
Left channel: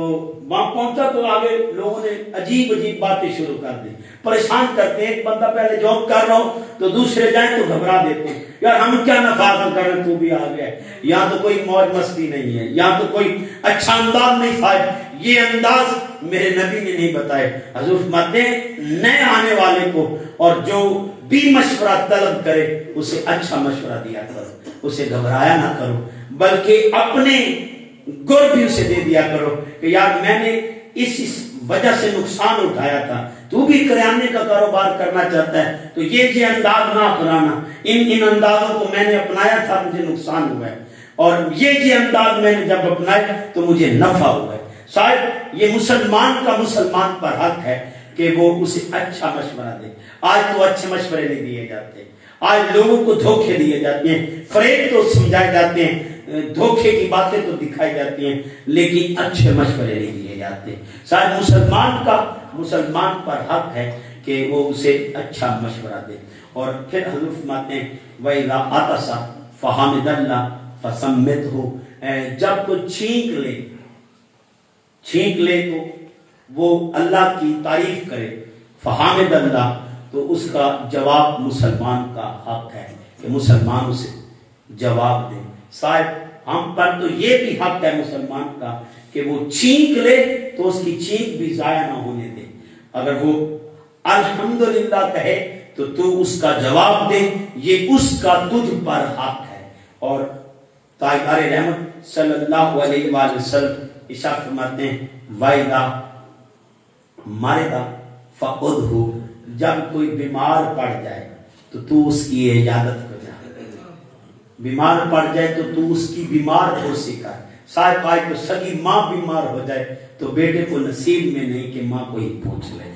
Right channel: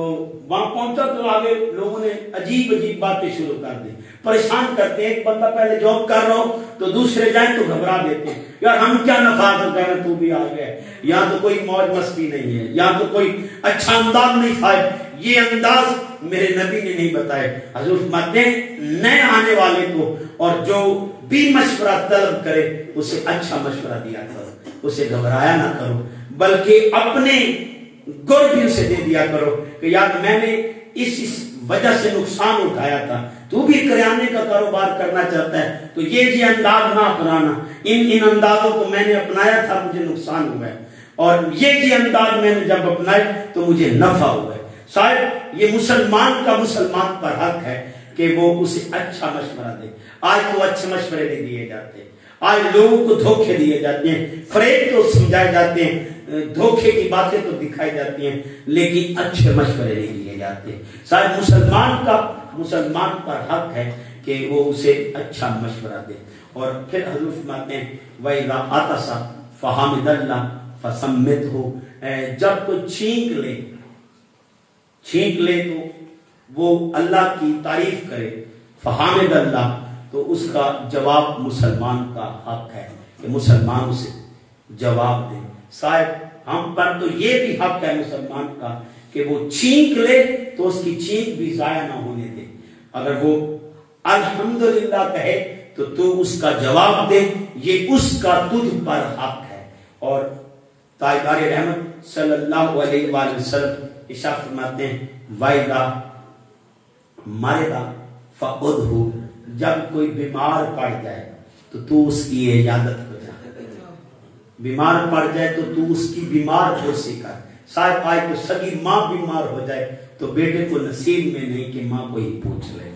وہاں پہنچا تو آگے لوگوں نے عجیب عجیب باتیں شروع کر دی, پریشان کرتے. ایک بندہ پہلے جاب کر رہا ہو تو دوسرے جائیں تو گھبرا دیتے, یار ہم کیا نفع حاصل کر رہے, تو بھی آ گیا. یہاں تو کوئی موج مستی نہیں ہے, یہاں تو کوئی اچھا انداز نہیں. فائد یہ انداز میرے نبی نے نہیں بتائے. حضور فرماتے ہیں نئے آنے والے کو اور جو بھی مشورہ طلب کرے اسے اچھا مشورہ دیا کرو, اسے گھبرایا نہ کرو, بلکہ اپنے گر بھی اسے دے دیا کرو کہ یار میں نے اس وجہ سے نقصان اٹھایا تھا, تو بھی کریانے کا کاروبار کرنا چاہتا ہے تو یہ انداز نہ اپنانا. ان اندازوں کو میں نے اپنایا تھا, مجھے نقصان ہوا ہے, اور یہ انداز میں نے جب اپنائے تو مجھے نفع ہوا ہے. شاید یہ مسلمان کا مسلمان پر حق ہے کہ وہ اسے اچھا مشورہ دے. آج تو اچھے مشورے نہیں دیے جاتے, آج لوگوں کو دھوکے دیے جاتے ہیں, فریب تو سمجھائے جاتے ہیں, دھوکے کی باتیں تو دکھائی جاتی ہیں, لیکن اچھے مشورے نہیں دیے جاتے. شاید مسلمان پر حق ہے کہ وہ اسے اچھا مشورہ دے. اور پھر حضور فرماتے ہیں وَإِذَا عَطَسَ فَحَمِدَ اللَّهَ فَسَمِّتْهُ, جب کوئی چھینک لے تو وہ اللہ کی تعریف کرے, فحامد اللہ, تو اس کا جواب مسلمان کا حق ہے کہ مسلمان اسے جواب دے. صاحب ہم پر تو یہ بھی حق ہے مسلمان کا کہ وہ چھینک لے تو اس کی چھینک بھی ضائع نہ ہونے دے. اگر وہ الحمدللہ کہے تو اس کا جواب دے, یہ اس کا تجھ پر حق ہے. اور تاجدار رحمت صلی اللہ علیہ وآلہ وسلم ارشاد فرماتے ہیں وَإِذَا مَرِضَ فَعُدْهُ, جب کوئی بیمار پڑ جائے تو اس کی عیادت کر, بیمار پڑ جائے تو اس کی بیمار پرسی کر. شاید آج تو سگی ماں بیمار ہو جائے تو بیٹے کو نصیب میں نہیں کہ ماں کو ہی پوچھ لے.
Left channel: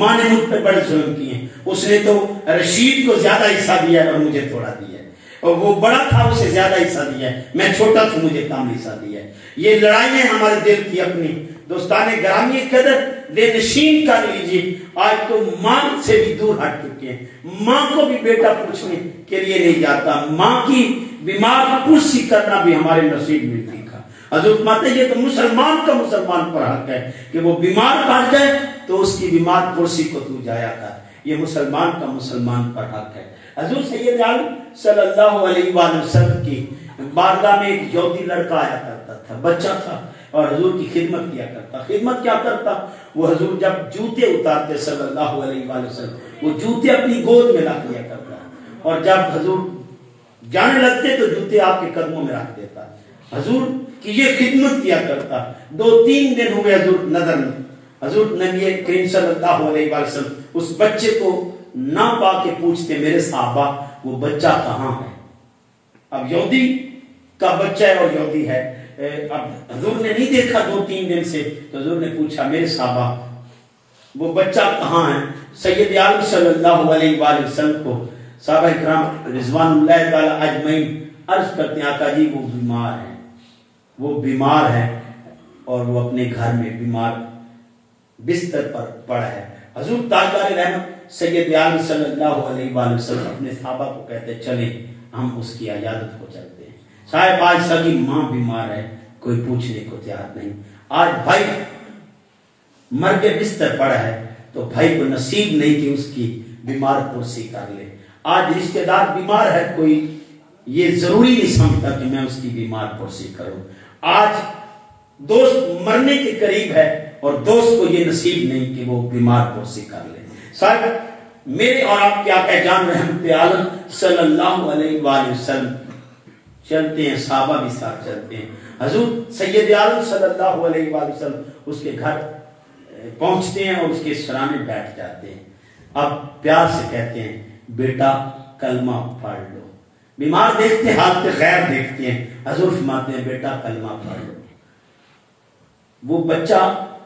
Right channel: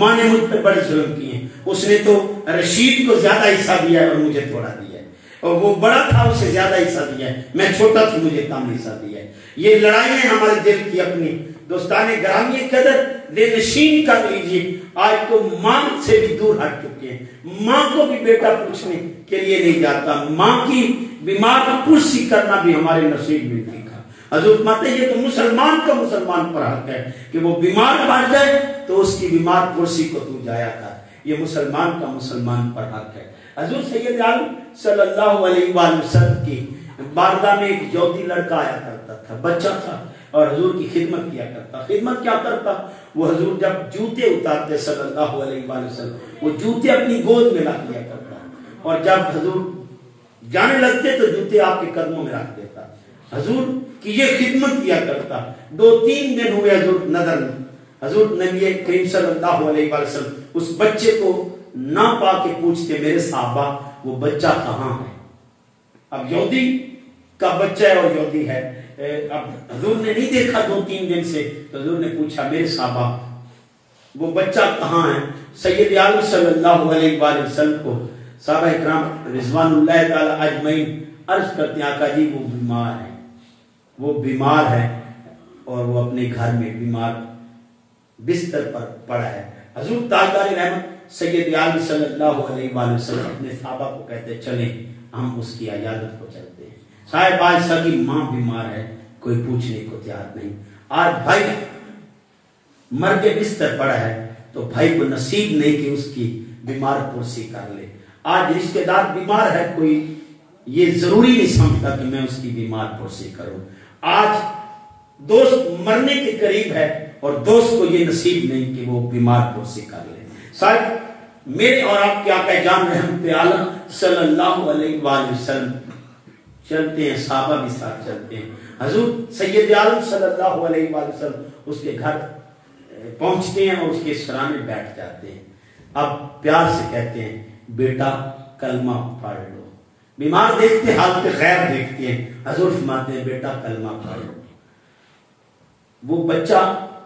ماں نے مجھ پہ بڑے ظلم کیے, اس نے تو رشید کو زیادہ حصہ دیا اور مجھے تھوڑا دیا, اور وہ بڑا تھا اسے زیادہ حصہ دیا, میں چھوٹا تھا مجھے کم حصہ دیا. یہ لڑائیاں ہمارے دل کی اپنی دوستان گرامی قدر بے نشین کر لیجیے. آج تو ماں سے بھی دور ہٹ چکے ہیں, ماں کو بھی بیٹا پوچھنے کے لیے نہیں جاتا, ماں کی بیمار پرسی کرنا بھی ہمارے نصیب میں نہیں تھا. حضور فرماتے یہ تو مسلمان کا مسلمان پر حق ہے کہ وہ بیمار پڑ جائے تو اس کی بیمار پرسی کو تو جایا کر. یہ مسلمان کا مسلمان پر حق ہے. حضور سید عالم صلی اللہ علیہ وآلہ وسلم کی بارگاہ میں ایک یہودی لڑکا آیا کرتا تھا, بچہ تھا, اور حضور کی خدمت کیا کرتا. خدمت کیا کرتا, وہ حضور جب جوتے اتارتے صلی اللہ علیہ وآلہ وسلم, وہ جوتے اپنی گود میں رکھ لیا کرتا, اور جب حضور جانے لگتے تو جوتے آپ کے قدموں میں رکھ دیتا. حضور کی یہ خدمت کیا کرتا. 2-3 دن ہوئے حضور نظر میں, حضور نبی کریم صلی اللہ علیہ وآلہ وسلم اس بچے کو نہ پا کے پوچھتے میرے صحابہ وہ بچہ کہاں ہے. اب یہودی کا بچہ ہے اور یہودی ہے, اب حضور نے نہیں دیکھا 2-3 دن سے, تو حضور نے پوچھا میرے صحابہ وہ بچہ کہاں ہے. سید عالم صلی اللہ علیہ وآلہ وسلم کو صحابہ اکرام رضوان اللہ تعالی اجمعین عرض کرتے ہیں آقا جی وہ بیمار ہے, وہ بیمار ہے اور وہ اپنے گھر میں بیمار بستر پر پڑا ہے. حضور تاجدار رحمت سید عالم صلی اللہ علیہ وآلہ وسلم اپنے صحابہ کو کہتے چلیں ہم اس کی عیادت کو چلتے ہیں. صاحب آج سگی ماں بیمار ہے, کوئی پوچھنے کو تیار نہیں. آج بھائی مر کے بستر پڑا ہے تو بھائی کو نصیب نہیں کہ اس کی بیمار پرسی کر لے. آج رشتہ دار بیمار ہے, کوئی یہ ضروری نہیں سمجھتا کہ میں اس کی بیمار پرسی کروں. آج دوست مرنے کے قریب ہے اور دوست کو یہ نصیب نہیں کہ وہ بیمار پرسی کر لے. صاحب میرے اور آپ کے آقا جان رحمت عالم صلی اللہ علیہ وآلہ وسلم چلتے ہیں، صحابہ بھی ساتھ چلتے ہیں. حضور سید عالم صلی اللہ علیہ وآلہ وسلم اس کے گھر پہنچتے ہیں اور اس کے سرانے بیٹھ جاتے ہیں. اب پیار سے کہتے ہیں بیٹا کلمہ پڑھ لو. بیمار دیکھتے ہیں، حالت خیر دیکھتے ہیں، حضور فرماتے ہیں بیٹا کلمہ پڑھ لو. وہ بچہ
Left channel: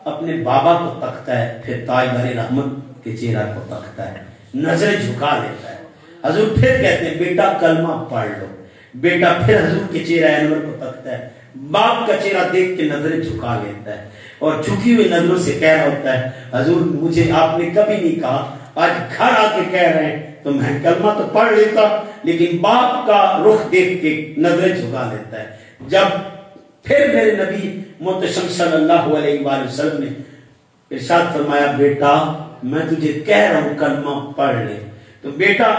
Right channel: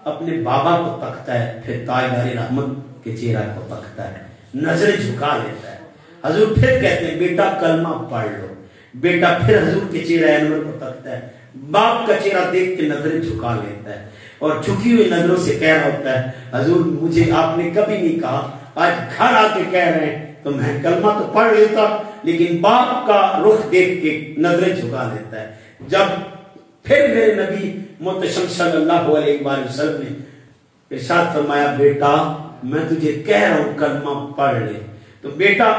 اپنے بابا کو تکتا ہے، پھر تاجدار رحمت کے چہرہ کو تکتا ہے، نظریں جھکا لیتا ہے. حضور پھر کہتے ہیں بیٹا کلمہ پڑھ لو. بیٹا پھر حضور کے چہرہ انور کو تکتا ہے، باپ کا چہرہ دیکھ کے نظریں جھکا لیتا ہے اور جھکی ہوئی نظروں سے کہہ رہا ہوتا ہے حضور مجھے آپ نے کبھی نہیں کہا، آج گھر آ کے کہہ رہے ہیں تو میں کلمہ تو پڑھ لیتا، لیکن باپ کا رخ دیکھ کے نظریں جھکا لیتا ہے. جب پھر میرے نبی محتشم صلی اللہ علیہ وآلہ وسلم نے ارشاد فرمایا بیٹا میں تجھے کہہ رہا ہوں کلمہ پڑھ لے، تو بیٹا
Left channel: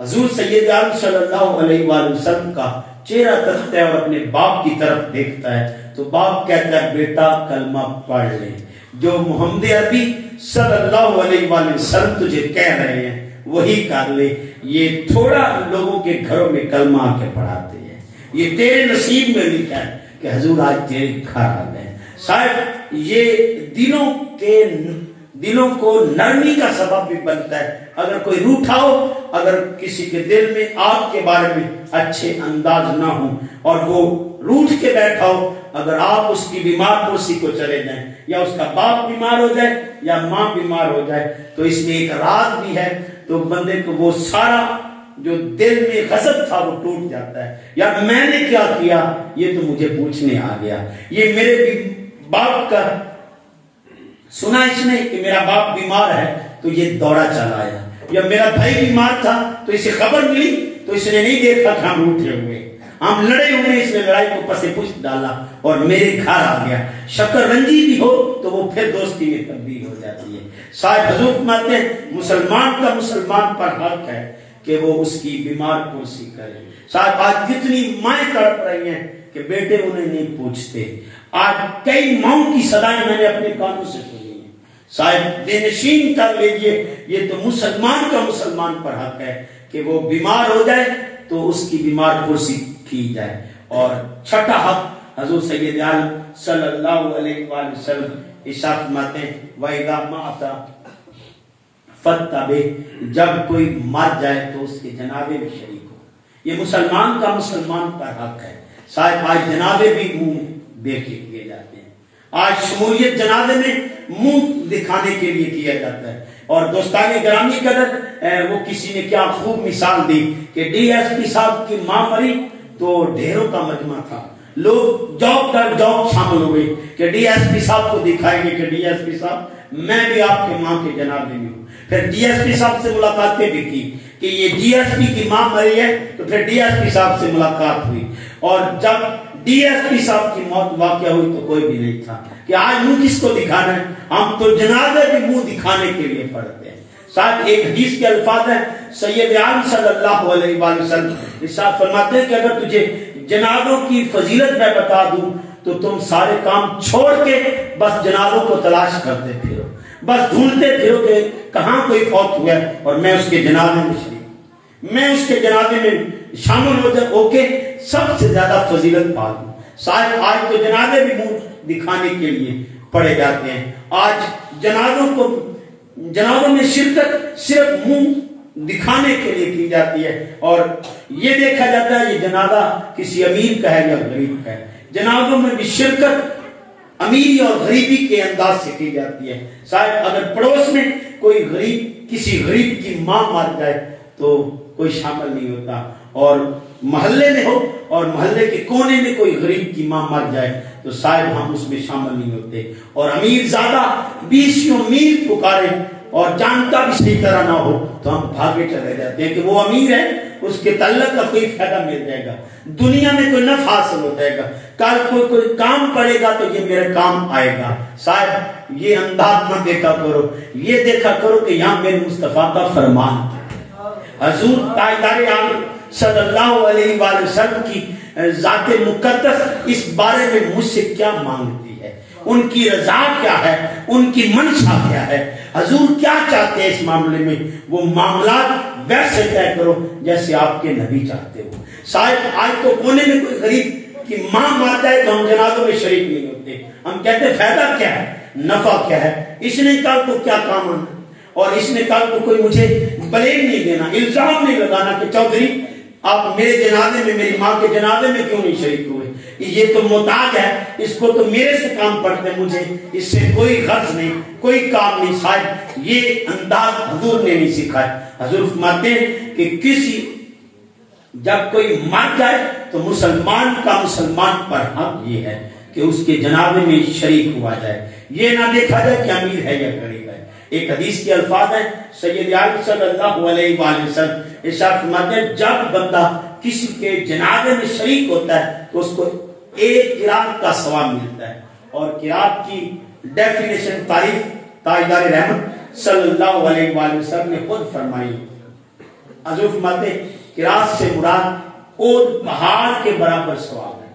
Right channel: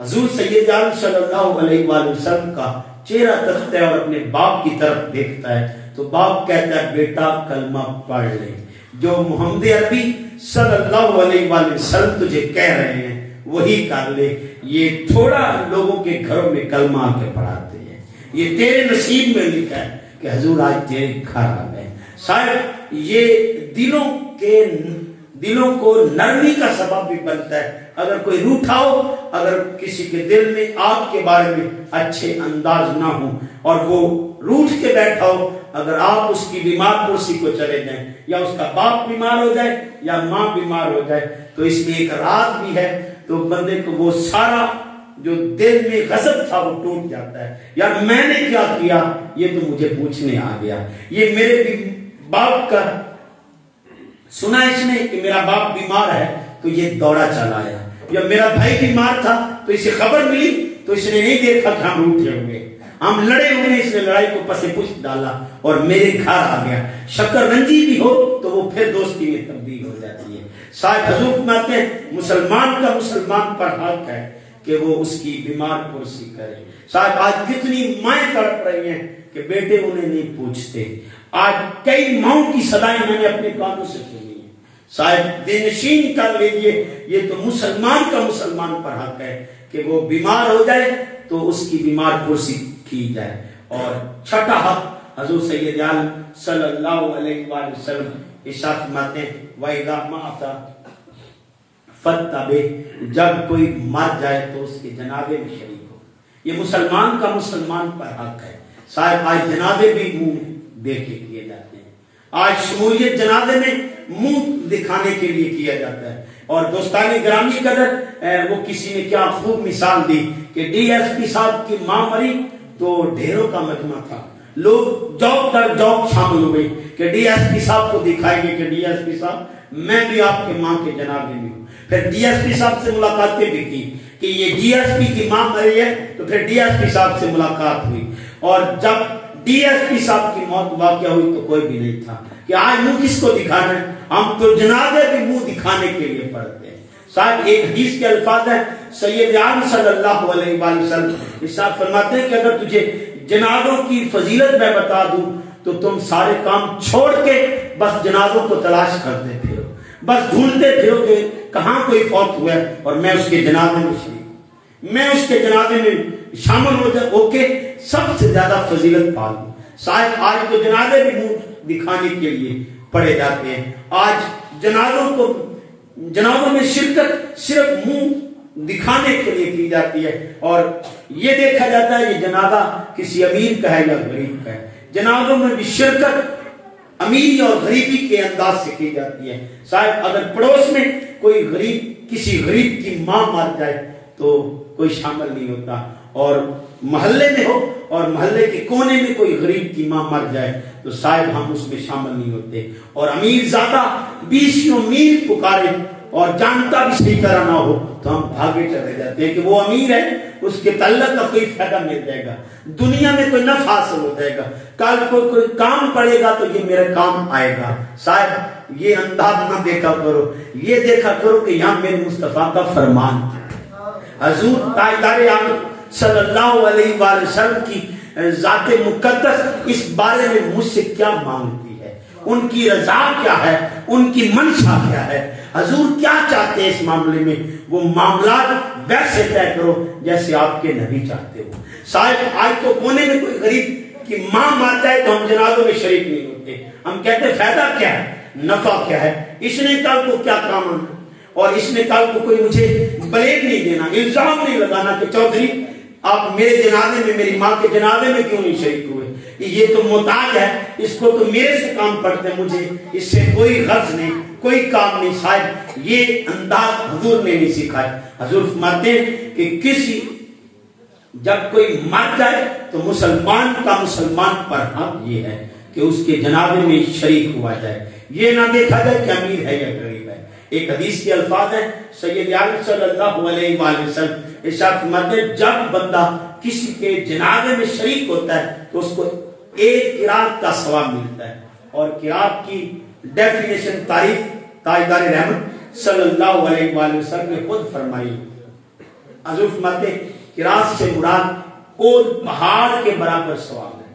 حضور سید عالم صلی اللہ علیہ وآلہ وسلم کا چہرہ تکتا ہے اور اپنے باپ کی طرف دیکھتا ہے تو باپ کہتا ہے بیٹا کلمہ پڑھ لے. جو محمد عربی صلی اللہ علیہ وآلہ وسلم تجھے کہہ رہے ہیں وہی کر لے. یہ تھوڑا لوگوں کے گھروں میں کلمہ آ کے پڑھاتے ہیں، یہ تیرے نصیب میں لکھا ہے کہ حضور آج تیرے گھر آ گئے. صاحب یہ دلوں کو نرمی کا سبب بھی بنتا ہے. اگر کوئی روٹھا ہو، اگر کسی کے دل میں آپ کے بارے میں اچھے انداز نہ ہو اور وہ روٹھ کے بیٹھا ہو، اگر آپ اس کی بیمار پرسی کو چلے جائیں یا اس کا باپ بیمار ہو جائے یا ماں بیمار ہو جائے تو اس میں ایک راز بھی ہے، تو بندے کو وہ سارا جو دل میں غضب تھا وہ ٹوٹ جاتا ہے. یار میں نے کیا کیا، یہ تو مجھے پوچھنے آ گیا، یہ میرے باپ کا سنا اس نے کہ میرا باپ بیمار ہے تو یہ دوڑا چلا آیا، یا میرا بھائی بیمار تھا تو اسے خبر ملی تو اس نے نہیں دیکھا کہ ہم روٹھے ہوئے، ہم لڑے ہوئے، اس نے لڑائی کو پس پشت ڈالا اور میرے گھر آ گیا. شکر رنجی بھی ہو تو وہ پھر دوستی میں تبدیل ہو جاتی ہے. صاحب حضور فرماتے ہیں مسلمان کا مسلمان پر حق ہے کہ وہ اس کی بیمار پرسی کرے. صاحب آج کتنی مائیں تڑپ رہی ہیں کہ بیٹے انہیں نہیں پوچھتے. آج کئی ماؤں کی صدائیں میں نے اپنے کانوں سے سنی ہیں. صاحب بے نشین کر لیجئے، یہ تو مسلمان کا مسلمان پر حق ہے کہ وہ بیمار ہو جائے تو اس کی بیمار پرسی کی جائے. اور چھٹا حق حضور سید عالم صلی اللہ علیہ وآلہ وسلم ارشاد فرماتے ہیں وَإِذَا مَاتَ فَاتَّبِعْ، جب کوئی مر جائے تو اس کے جنازے میں شریک ہو. یہ مسلمان کا مسلمان پر حق ہے. صاحب آج جنازے بھی منہ دیکھ کے کیے جاتے ہیں، آج شمولیت جنازے میں منہ دکھانے کے لیے کیا جاتا ہے. اور دوستانی گرامی قدر وہ کسی نے کیا خوب مثال دی کہ ڈی ایس پی صاحب کی ماں مری تو ڈھیروں کا مجمع تھا، لوگ جاب در جاب شامل ہوئے کہ ڈی ایس پی صاحب کو دکھائیں گے کہ ڈی ایس پی صاحب میں بھی آپ کے ماں کے جنازے میں ہوں. پھر ڈی ایس پی صاحب سے ملاقاتیں بھی کی کہ یہ ڈی ایس پی کی ماں مری ہے، تو پھر ڈی ایس پی صاحب سے ملاقات ہوئی. اور جب ڈی ایس پی صاحب کی موت واقع ہوئی تو کوئی بھی نہیں تھا کہ آج منہ کس کو دکھانا ہے، ہم تو جنازے بھی منہ دکھانے کے لیے پڑھتے ہیں. صاحب ایک حدیث کے الفاظ ہیں سید عالم صلی اللہ علیہ وآلہ وسلم ارشاد فرماتے ہیں کہ اگر تجھے جنازوں کی فضیلت میں بتا دوں تو تم سارے کام چھوڑ کے بس جنازوں کو تلاش کرتے پھرو، بس ڈھونڈتے پھرو کہ کہاں کوئی فوت ہوا ہے اور میں اس کے جنازے میں شریک، میں اس کے جنازے میں شامل ہو کے سب سے زیادہ فضیلت پا لوں. صاحب آج تو جنازے بھی منہ دکھانے کے لیے پڑے جاتے ہیں. آج جنازوں میں شرکت صرف منہ دکھانے کے لیے کی جاتی ہے اور یہ دیکھا جاتا ہے یہ جنازہ کسی امیر کا ہے یا غریب کا ہے. جنازوں میں بھی شرکت امیری اور غریبی کے انداز سے کی جاتی ہے. صاحب اگر پڑوس میں کوئی غریب کسی غریب کی ماں مر جائے تو کوئی شامل نہیں ہوتا، اور محلے میں ہو اور محلے کے کونے میں کوئی غریب کی ماں مر جائے تو شاید ہم اس میں شامل نہیں ہوتے. اور امیر زیادہ 20 میل پکارے اور جانتا بھی صحیح طرح نہ ہو تو ہم بھاگے چلے جاتے ہیں کہ وہ امیر ہے، اس کے تعلق کا کوئی فائدہ مل جائے گا، دنیا میں کوئی نفع حاصل ہو جائے گا، کل کوئی کام پڑے گا تو یہ میرے کام آئے گا. صاحب یہ انداز نہ دیکھا کرو، یہ دیکھا کرو کہ یہاں میرے مصطفیٰ کا فرمان حضور تاجدار عالم صلی اللہ علیہ وآلہ وسلم کی ذات مقدس اس بارے میں مجھ سے کیا مانگتی ہے. ان کی رضا کیا ہے، ان کی منشا کیا ہے، حضور کیا چاہتے ہیں اس معاملے میں، وہ معاملات ویسے طے کرو جیسے آپ کے نبی چاہتے ہو۔ صاحب آج تو کونے میں کوئی غریب کی ماں مر جائے تو ہم جنازوں میں شریک نہیں ہوتے، ہم کہتے ہیں فائدہ کیا ہے، نفع کیا ہے، اس نے کل کو کیا کام آنا، اور اس نے کل کو کوئی مجھے بلیم نہیں دینا، الزام نہیں لگانا کہ چودھری آپ میرے جنازے میں، میری ماں کے جنازے میں کیوں نہیں شریک ہوئے، یہ تو محتاج ہے، اس کو تو میرے سے کام پڑتے، مجھے اس سے کوئی غرض نہیں، کوئی کام نہیں۔ صاحب یہ انداز حضور نے نہیں سکھایا۔ حضور فرماتے ہیں کہ کسی جب کوئی مر جائے تو مسلمان کا مسلمان پر حق یہ ہے کہ اس کے جنازے میں شریک ہوا جائے، یہ نہ دیکھا جائے کہ امیر ہے یا غریب ہے۔ ایک حدیث کے الفاظ ہیں، سید عالم صلی اللہ علیہ وآلہ وسلم ارشاد فرماتے ہیں جب بندہ کسی کے جنازے میں شریک ہوتا ہے تو اس کو ایک قرات کا ثواب ملتا ہے، اور قرات کی ڈیفینیشن تعریف تاجدار رحمت صلی اللہ علیہ وآلہ وسلم نے خود فرمائی۔ حضور فرماتے ہیں قرات سے مراد احد پہاڑ کے برابر ثواب ہے،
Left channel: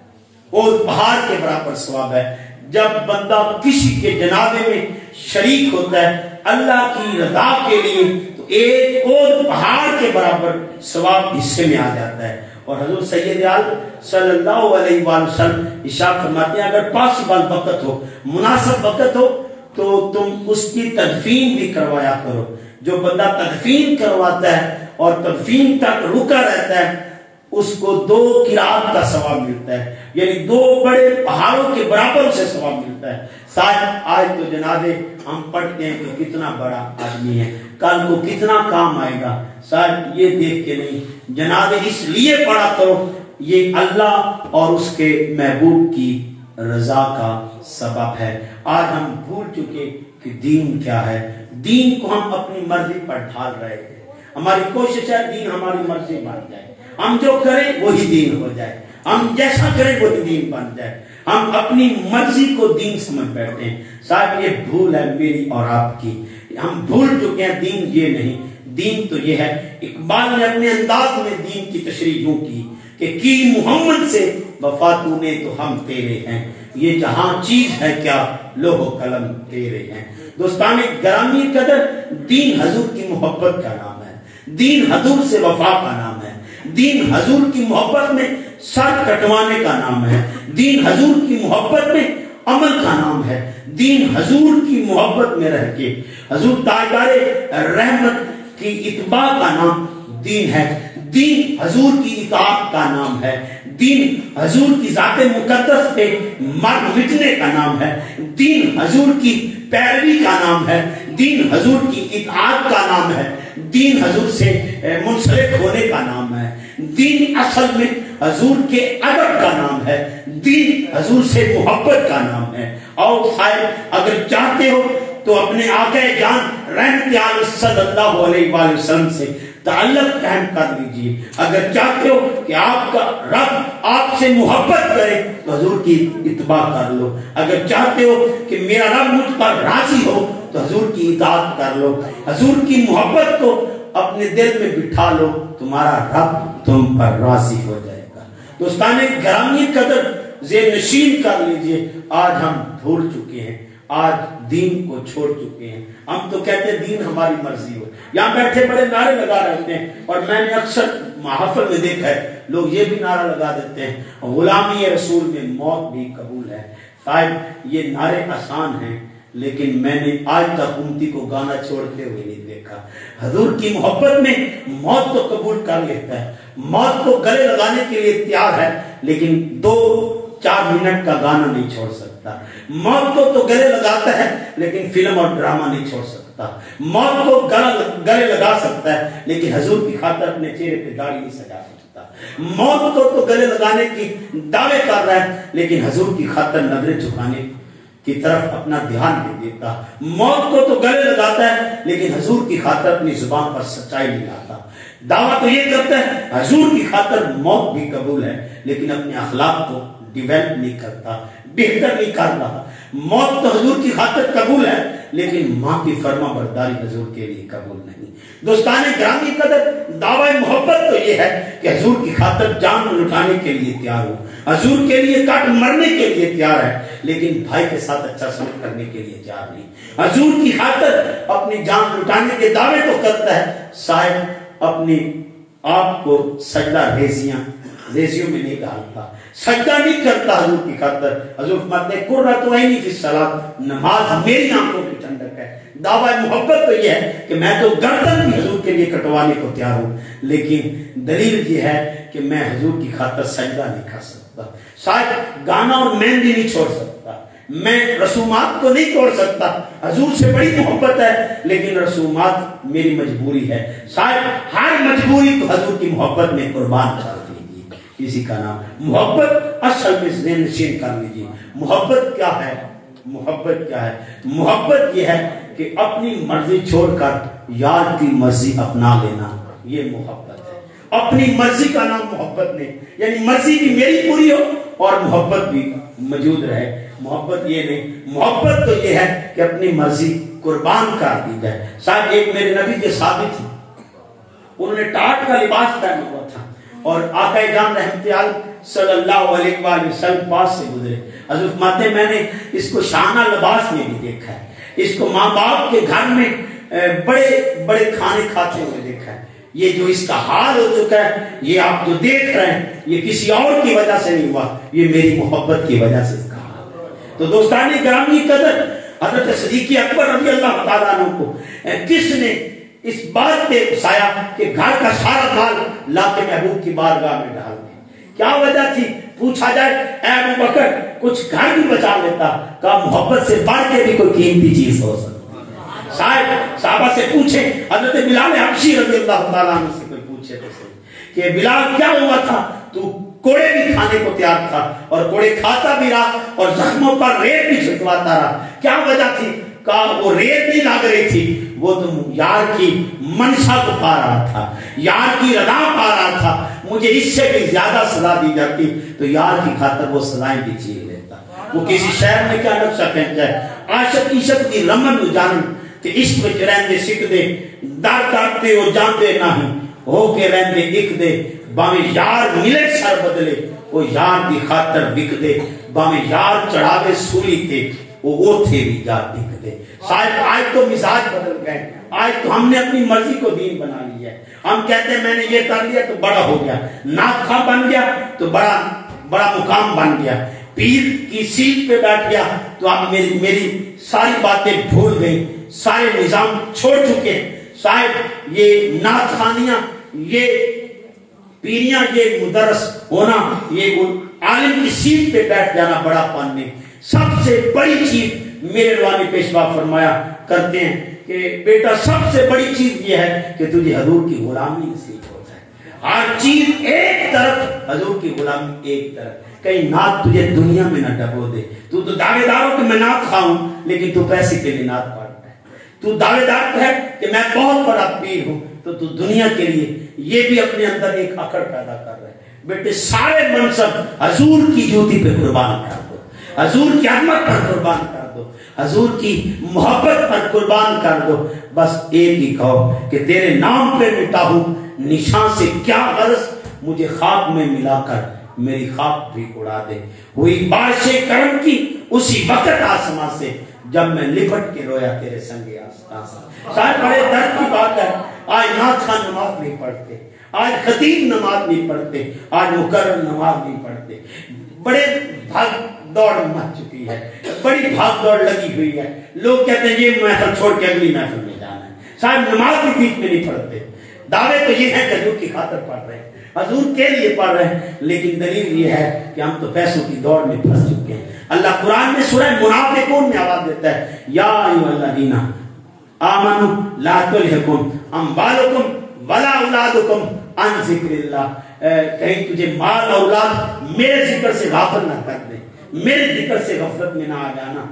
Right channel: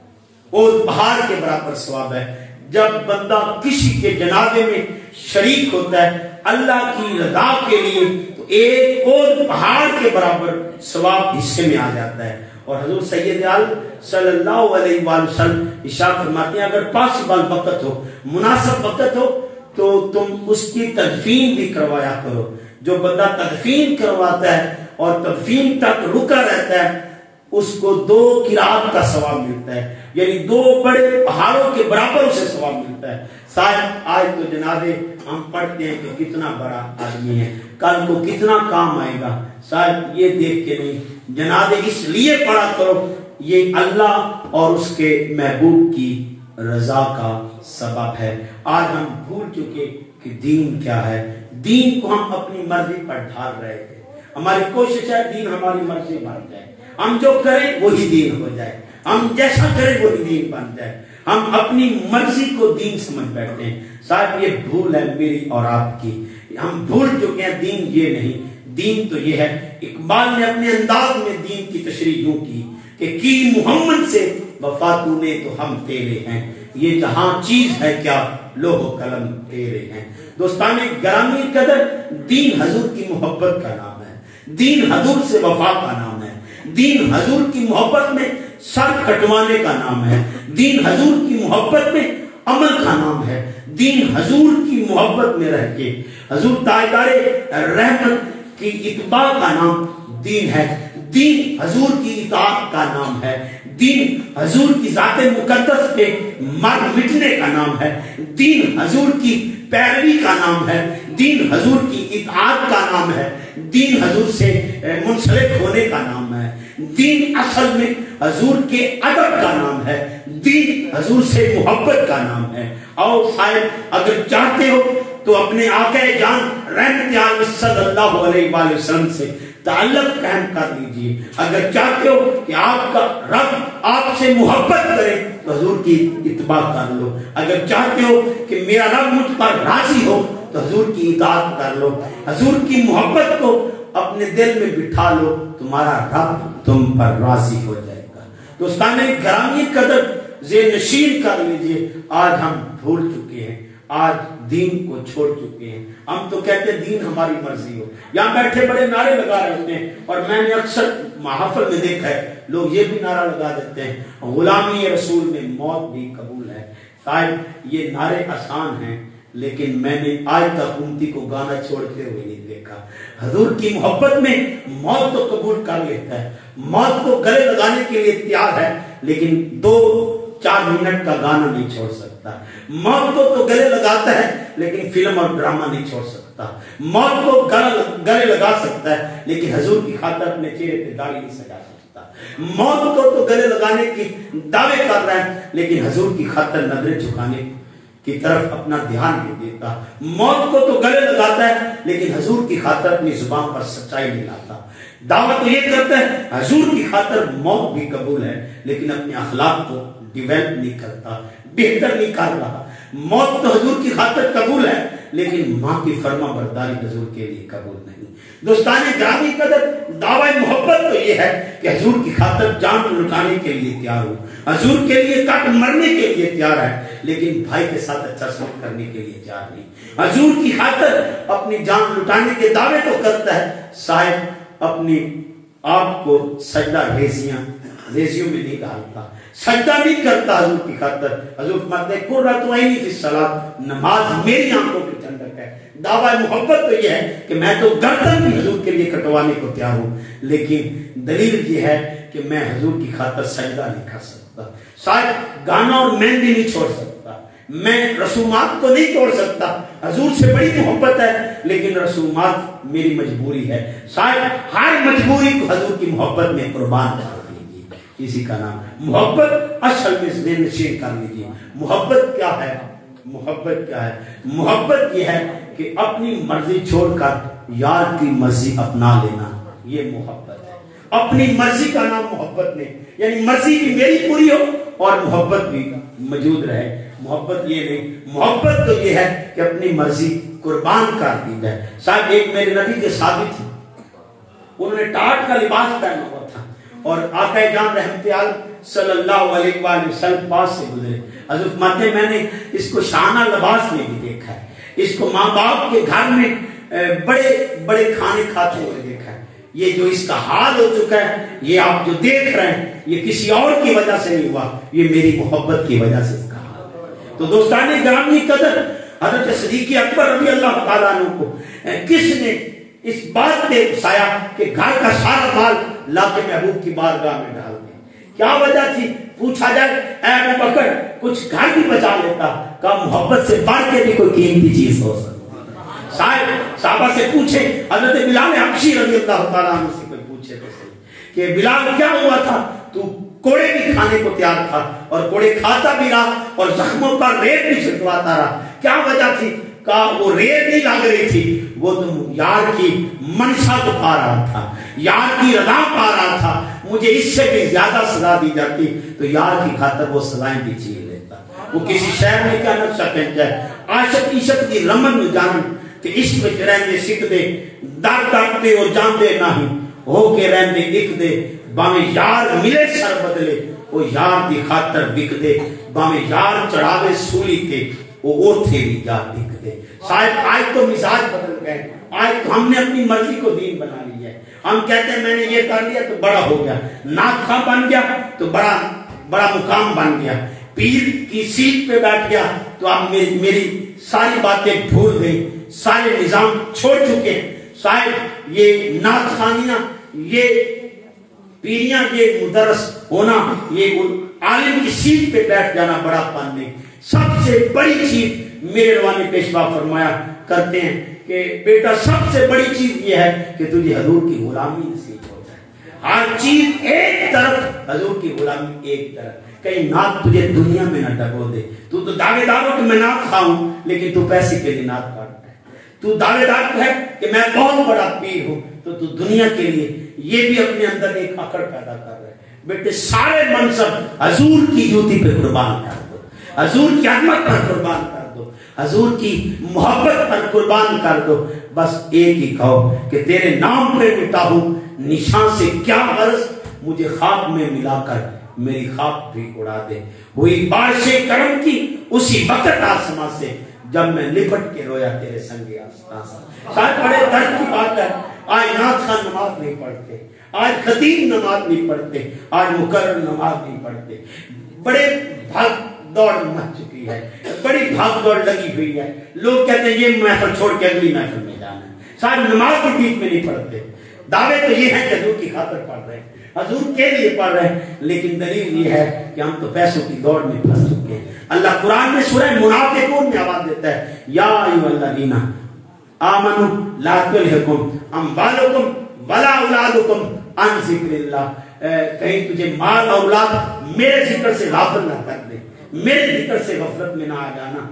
احد پہاڑ کے برابر ثواب ہے۔ جب بندہ کسی کے جنازے میں شریک ہوتا ہے اللہ کی رضا کے لیے تو ایک احد پہاڑ کے برابر ثواب حصے میں آ جاتا ہے۔ اور حضور سید عالم صلی اللہ علیہ وآلہ وسلم ارشاد فرماتے ہیں اگر پاسبل وقت ہو، مناسب وقت ہو تو تم اس کی تدفین بھی کروایا کرو۔ جو بندہ تدفین کرواتا ہے اور تدفین تک رکا رہتا ہے اس کو 2 قرات کا ثواب ملتا ہے، یعنی 2 بڑے پہاڑوں کے برابر اسے ثواب ملتا ہے۔ صاحب آج تو جنازے ہم پڑھتے ہیں کہ کتنا بڑا آدمی ہے، کل کو کتنا کام آئے گا، صاحب یہ دیکھ کے نہیں، جنازے اس لیے پڑھا کرو یہ اللہ اور اس کے محبوب کی رضا کا سبب ہے۔ آج ہم بھول چکے کہ دین کیا ہے، دین کو ہم اپنی مرضی پر ڈھال رہے تھے۔ ہماری کوشش ہے دین ہماری مرضی بن جائے، ہم جو کریں وہی دین ہو جائے، ہم جیسا کریں وہی دین بن جائے، ہم اپنی مرضی کو دین سمجھ بیٹھے ہیں۔ صاحب یہ بھول ہے میری اور آپ کی، ہم بھول چکے ہیں دین یہ نہیں، دین تو یہ ہے۔ اقبال نے اپنے انداز میں دین کی تشریح یوں کی کہ محمد سے وفا تو نے تو ہم تیرے ہیں، یہ جہاں چیز ہے کیا لوح و قلم تیرے ہیں۔ دوستان گرامی قدر دین حضور کی محبت کا نام ہے، دین حضور سے وفا کا نام ہے، دین حضور کی محبت میں سر کٹوانے کا نام ہے، دین حضور کی محبت میں عمل کا نام ہے، دین حضور کی محبت میں رہ کے حضور تاجدار رحمت کی اتباع کا نام دین ہے، دین حضور کی اطاعت کا نام ہے، دین حضور کی ذات مقدس پہ مر مٹنے کا نام ہے، دین حضور کی پیروی کا نام ہے، دین حضور کی اطاعت کا نام ہے، دین حضور سے منسلک ہونے کا نام ہے، دین اصل میں حضور کے ادب کا نام ہے، دین حضور سے محبت کا نام ہے۔ اور صاحب اگر چاہتے ہو تو اپنے آقا جان رحمت عالم صلی اللہ علیہ وآلہ وسلم سے تعلق قائم کر لیجیے۔ اگر چاہتے ہو کہ آپ کا رب آپ سے محبت کرے تو حضور کی اتباع کر لو، اگر چاہتے ہو کہ میرا رب مجھ پر راضی ہو تو حضور کی اطاعت کر لو، حضور کی محبت کو اپنے دل میں بٹھا لو، تمہارا رب تم پر راضی ہو جائے گا۔ دوستان گرامی قدر ذہن نشین کر لیجیے، آج ہم بھول چکے ہیں، آج دین کو چھوڑ چکے ہیں، ہم تو کہتے ہیں دین ہماری مرضی ہو، یہاں بیٹھے بڑے نعرے لگا رہتے ہیں، اور میں نے اکثر محافل میں دیکھا ہے لوگ یہ بھی نعرہ لگا دیتے ہیں غلامی رسول میں موت بھی قبول ہے۔ صاحب یہ نعرے آسان ہیں لیکن میں نے آج تک امتی کو گانا چھوڑتے ہوئے نہیں دیکھا۔ حضور کی محبت میں موت تو قبول کر لیتا ہے، موت کو گلے لگانے کے لیے تیار ہے، لیکن 2-4 منٹ کا گانا نہیں چھوڑ سکتا۔ موت کو تو گلے لگاتا ہے لیکن فلم اور ڈرامہ نہیں چھوڑ سکتا۔ موت کو گلے لگا سکتا ہے لیکن حضور کی خاطر اپنے چہرے پہ داڑھی نہیں سجا سکتا۔ موت کو تو گلے لگانے کی دعوے کر رہا ہے لیکن حضور کی خاطر نظریں جھکانے کی طرف اپنا دھیان نہیں دیتا۔ موت کو تو گلے لگاتا ہے لیکن حضور کی خاطر اپنی زبان پر سچائی نہیں لاتا۔ دعویٰ تو یہ کرتا ہے حضور کی خاطر موت بھی قبول ہے لیکن اپنے اخلاق کو ڈیویلپ نہیں کرتا، بہتر نہیں کر رہا۔ موت تو حضور کی خاطر قبول ہے لیکن ماں کی فرما برداری حضور کے لیے قبول نہیں۔ دوستان گرامی قدر، دعوی محبت تو یہ ہے کہ حضور کی خاطر جان لٹانے کے لیے تیار ہو، حضور کے لیے کٹ مرنے کے لیے تیار ہے، لیکن بھائی کے ساتھ اچھا سلوک کرنے کے لیے تیار نہیں۔ حضور کی خاطر اپنی جان لٹانے کے دعوے تو کرتا ہے، صاحب اپنی آپ کو سجدہ ریزیوں میں نہیں ڈالتا، سجدہ نہیں کرتا حضور کی خاطر۔ حضور فرماتے ہیں قرۃ عینی فی الصلاۃ، نماز میری آنکھوں کی ٹھنڈک ہے۔ دعوی محبت تو یہ ہے کہ میں تو گردن بھی حضور کے لیے کٹوانے کو تیار ہوں، لیکن دلیل یہ ہے کہ میں حضور کی خاطر سجدہ نہیں کر سکتا، شاید گانا اور مہندی نہیں چھوڑ سکتا، میں رسومات کو نہیں توڑ سکتا۔ حضور سے بڑی محبت ہے لیکن رسومات میری مجبوری ہے، شاید ہر مجبوری کو حضور کی محبت میں قربان کر دیجیے۔ اسی کا نام محبت اصل میں ذہن نشین کر لیجیے۔ محبت کیا ہے؟ محبت کیا ہے؟ محبت یہ ہے کہ اپنی مرضی چھوڑ کر یار کی مرضی اپنا لینا، یہ محبت ہے۔ اپنی مرضی کا نام محبت نہیں، یعنی مرضی بھی میری پوری ہو اور محبت بھی موجود رہے، محبت یہ نہیں۔ محبت تو یہ ہے کہ اپنی مرضی قربان کر دی جائے۔ شاید ایک میرے نبی کے ثابت تھے، انہوں نے ٹاٹ کا لباس پہنا ہوا تھا اور آقا جان رحمت عالم صلی اللہ علیہ وآلہ وسلم پاس سے گزرے۔ حضرت فرماتے ہیں میں نے اس کو شانہ لباس میں بھی دیکھا ہے، اس کو ماں باپ کے گھر میں بڑے بڑے کھانے کھاتے ہوئے دیکھا ہے۔ یہ جو اس کا حال ہو چکا ہے، یہ آپ جو دیکھ رہے ہیں، یہ کسی اور کی وجہ سے نہیں ہوا، یہ میری محبت کی وجہ سے کہا۔ تو دوستان گرامی قدر، حضرت صدیق اکبر رضی اللہ تعالیٰ عنہ کو کس نے اس بات پہ اکسایا کہ گھر کا سارا مال لا کے محبوب کی بارگاہ میں ڈال دیں؟ کیا وجہ تھی؟ پوچھا جائے اے ابو بکر کچھ گھر بھی بچا لیتا، کہا محبت سے بڑھ کے بھی کوئی قیمتی چیز ہو سکتی۔ شاید صحابہ سے پوچھے، حضرت بلال حبشی رضی اللہ تعالیٰ عنہ سے کوئی پوچھے تو صحیح کہ بلال کیا ہوا تھا، تو کوڑے بھی کھانے کو تیار تھا اور کوڑے کھاتا بھی رہا اور زخموں پر ریت بھی چھٹواتا رہا، کیا وجہ تھی؟ کہا وہ ریت نہیں لگ رہی تھی، وہ تو یار کی منشا کو پا رہا تھا، یار کی رضا پا رہا تھا، مجھے اس سے بھی زیادہ سزا دی جاتی تو یار کی خاطر وہ سزائیں بھی چیر لیتا۔ وہ کسی شہر میں کیا نقشہ کہتا ہے، عاشق عشق کی رمن جان کہ عشق میں رہندے سکھ دے، در ڈاکتے اور جانتے نہیں، ہو کے رہندے ایک دے، باویں یار ملے سر بدلے، وہ یار کی خاطر بک دے، باویں یار چڑھاوے سولی تے وہ تھیری جا بک دے۔ شاید آج تو مزاج بدل گئے، آج تو ہم نے اپنی مرضی کو دین بنا لی ہے، ہم کہتے ہیں میں نے یہ کر لیا تو بڑا ہو گیا، نعت خواں بن گیا تو بڑا مقام بن گیا، پیر کی سیٹ پہ بیٹھ گیا تو آپ میری ساری باتیں بھول گئے، سارے نظام چھوڑ چکے۔ شاید یہ نعت خوانیاں، یہ پیریاں، یہ مدرس ہونا، یہ عالم کی سیٹ پہ بیٹھ جانا بڑا پن ہے۔ سب سے بڑی چیز میرے روانی پیشوا فرمایا کرتے ہیں کہ بیٹا سب سے بڑی چیز یہ ہے کہ تجھے حضور کی غلامی نصیب ہو جائے۔ ہر چیز ایک طرف، حضور کی غلامی ایک طرف، کہیں نعت تجھے دنیا میں نہ ڈبو دے۔ تو دعوے دار ہو کہ میں نعت خواہوں لیکن تو پیسے کے لیے نعت پڑھتا ہے، تو دعوے دار ہے کہ میں بہت بڑا پیر ہوں تو دنیا کے لیے یہ بھی اپنے اندر ایک اکڑ پیدا کر رہا ہے۔ بیٹے سارے منصب حضور کی جوتی پہ قربان کر دو، حضور کی عظمت پر قربان کر دو، حضور کی محبت پر قربان کر دو۔ بس ایک ہی کہو کہ تیرے نام پہ مٹا ہوں نشان سے کیا غرض، مجھے خواب میں ملا کر میری خواب بھی اڑا دے۔ ہوئی بارش کرم کی اسی وقت آسمان سے جب میں لپٹ کے رویا تیرے سنگ آستان سے۔ شاید بڑے درد کی بات ہے، آج نعت خواں نماز نہیں پڑھتے، آج خطیب نماز نہیں پڑھتے، آج مقرر نماز نہیں پڑھتے، بڑے بھاگ دوڑ مچ چکی ہے، بڑی بھاگ دوڑ لگی ہوئی ہے۔ لوگ کہتے ہیں یہ محفل چھوڑ کے اگلی محفل میں جانا ہے، شاید نماز بھی بیچ میں نہیں پڑھتے۔ دعوے تو یہ ہے کہ حضور کی خاطر پڑھ رہے ہیں، حضور کے لیے پڑھ رہے ہیں، لیکن دلیل یہ ہے کہ ہم تو پیسوں کی دوڑ میں پھنس چکے ہیں۔ اللہ قرآن میں سورہ منافقون میں آواز دیتا ہے، یا ایھا الذین آمنوا لا تلھکم اموالکم ولا اولادکم عن ذکر اللہ، کہیں تجھے مال اور اولاد میرے ذکر سے غافل نہ کر دے، میرے ذکر سے غفلت میں نہ آ جانا،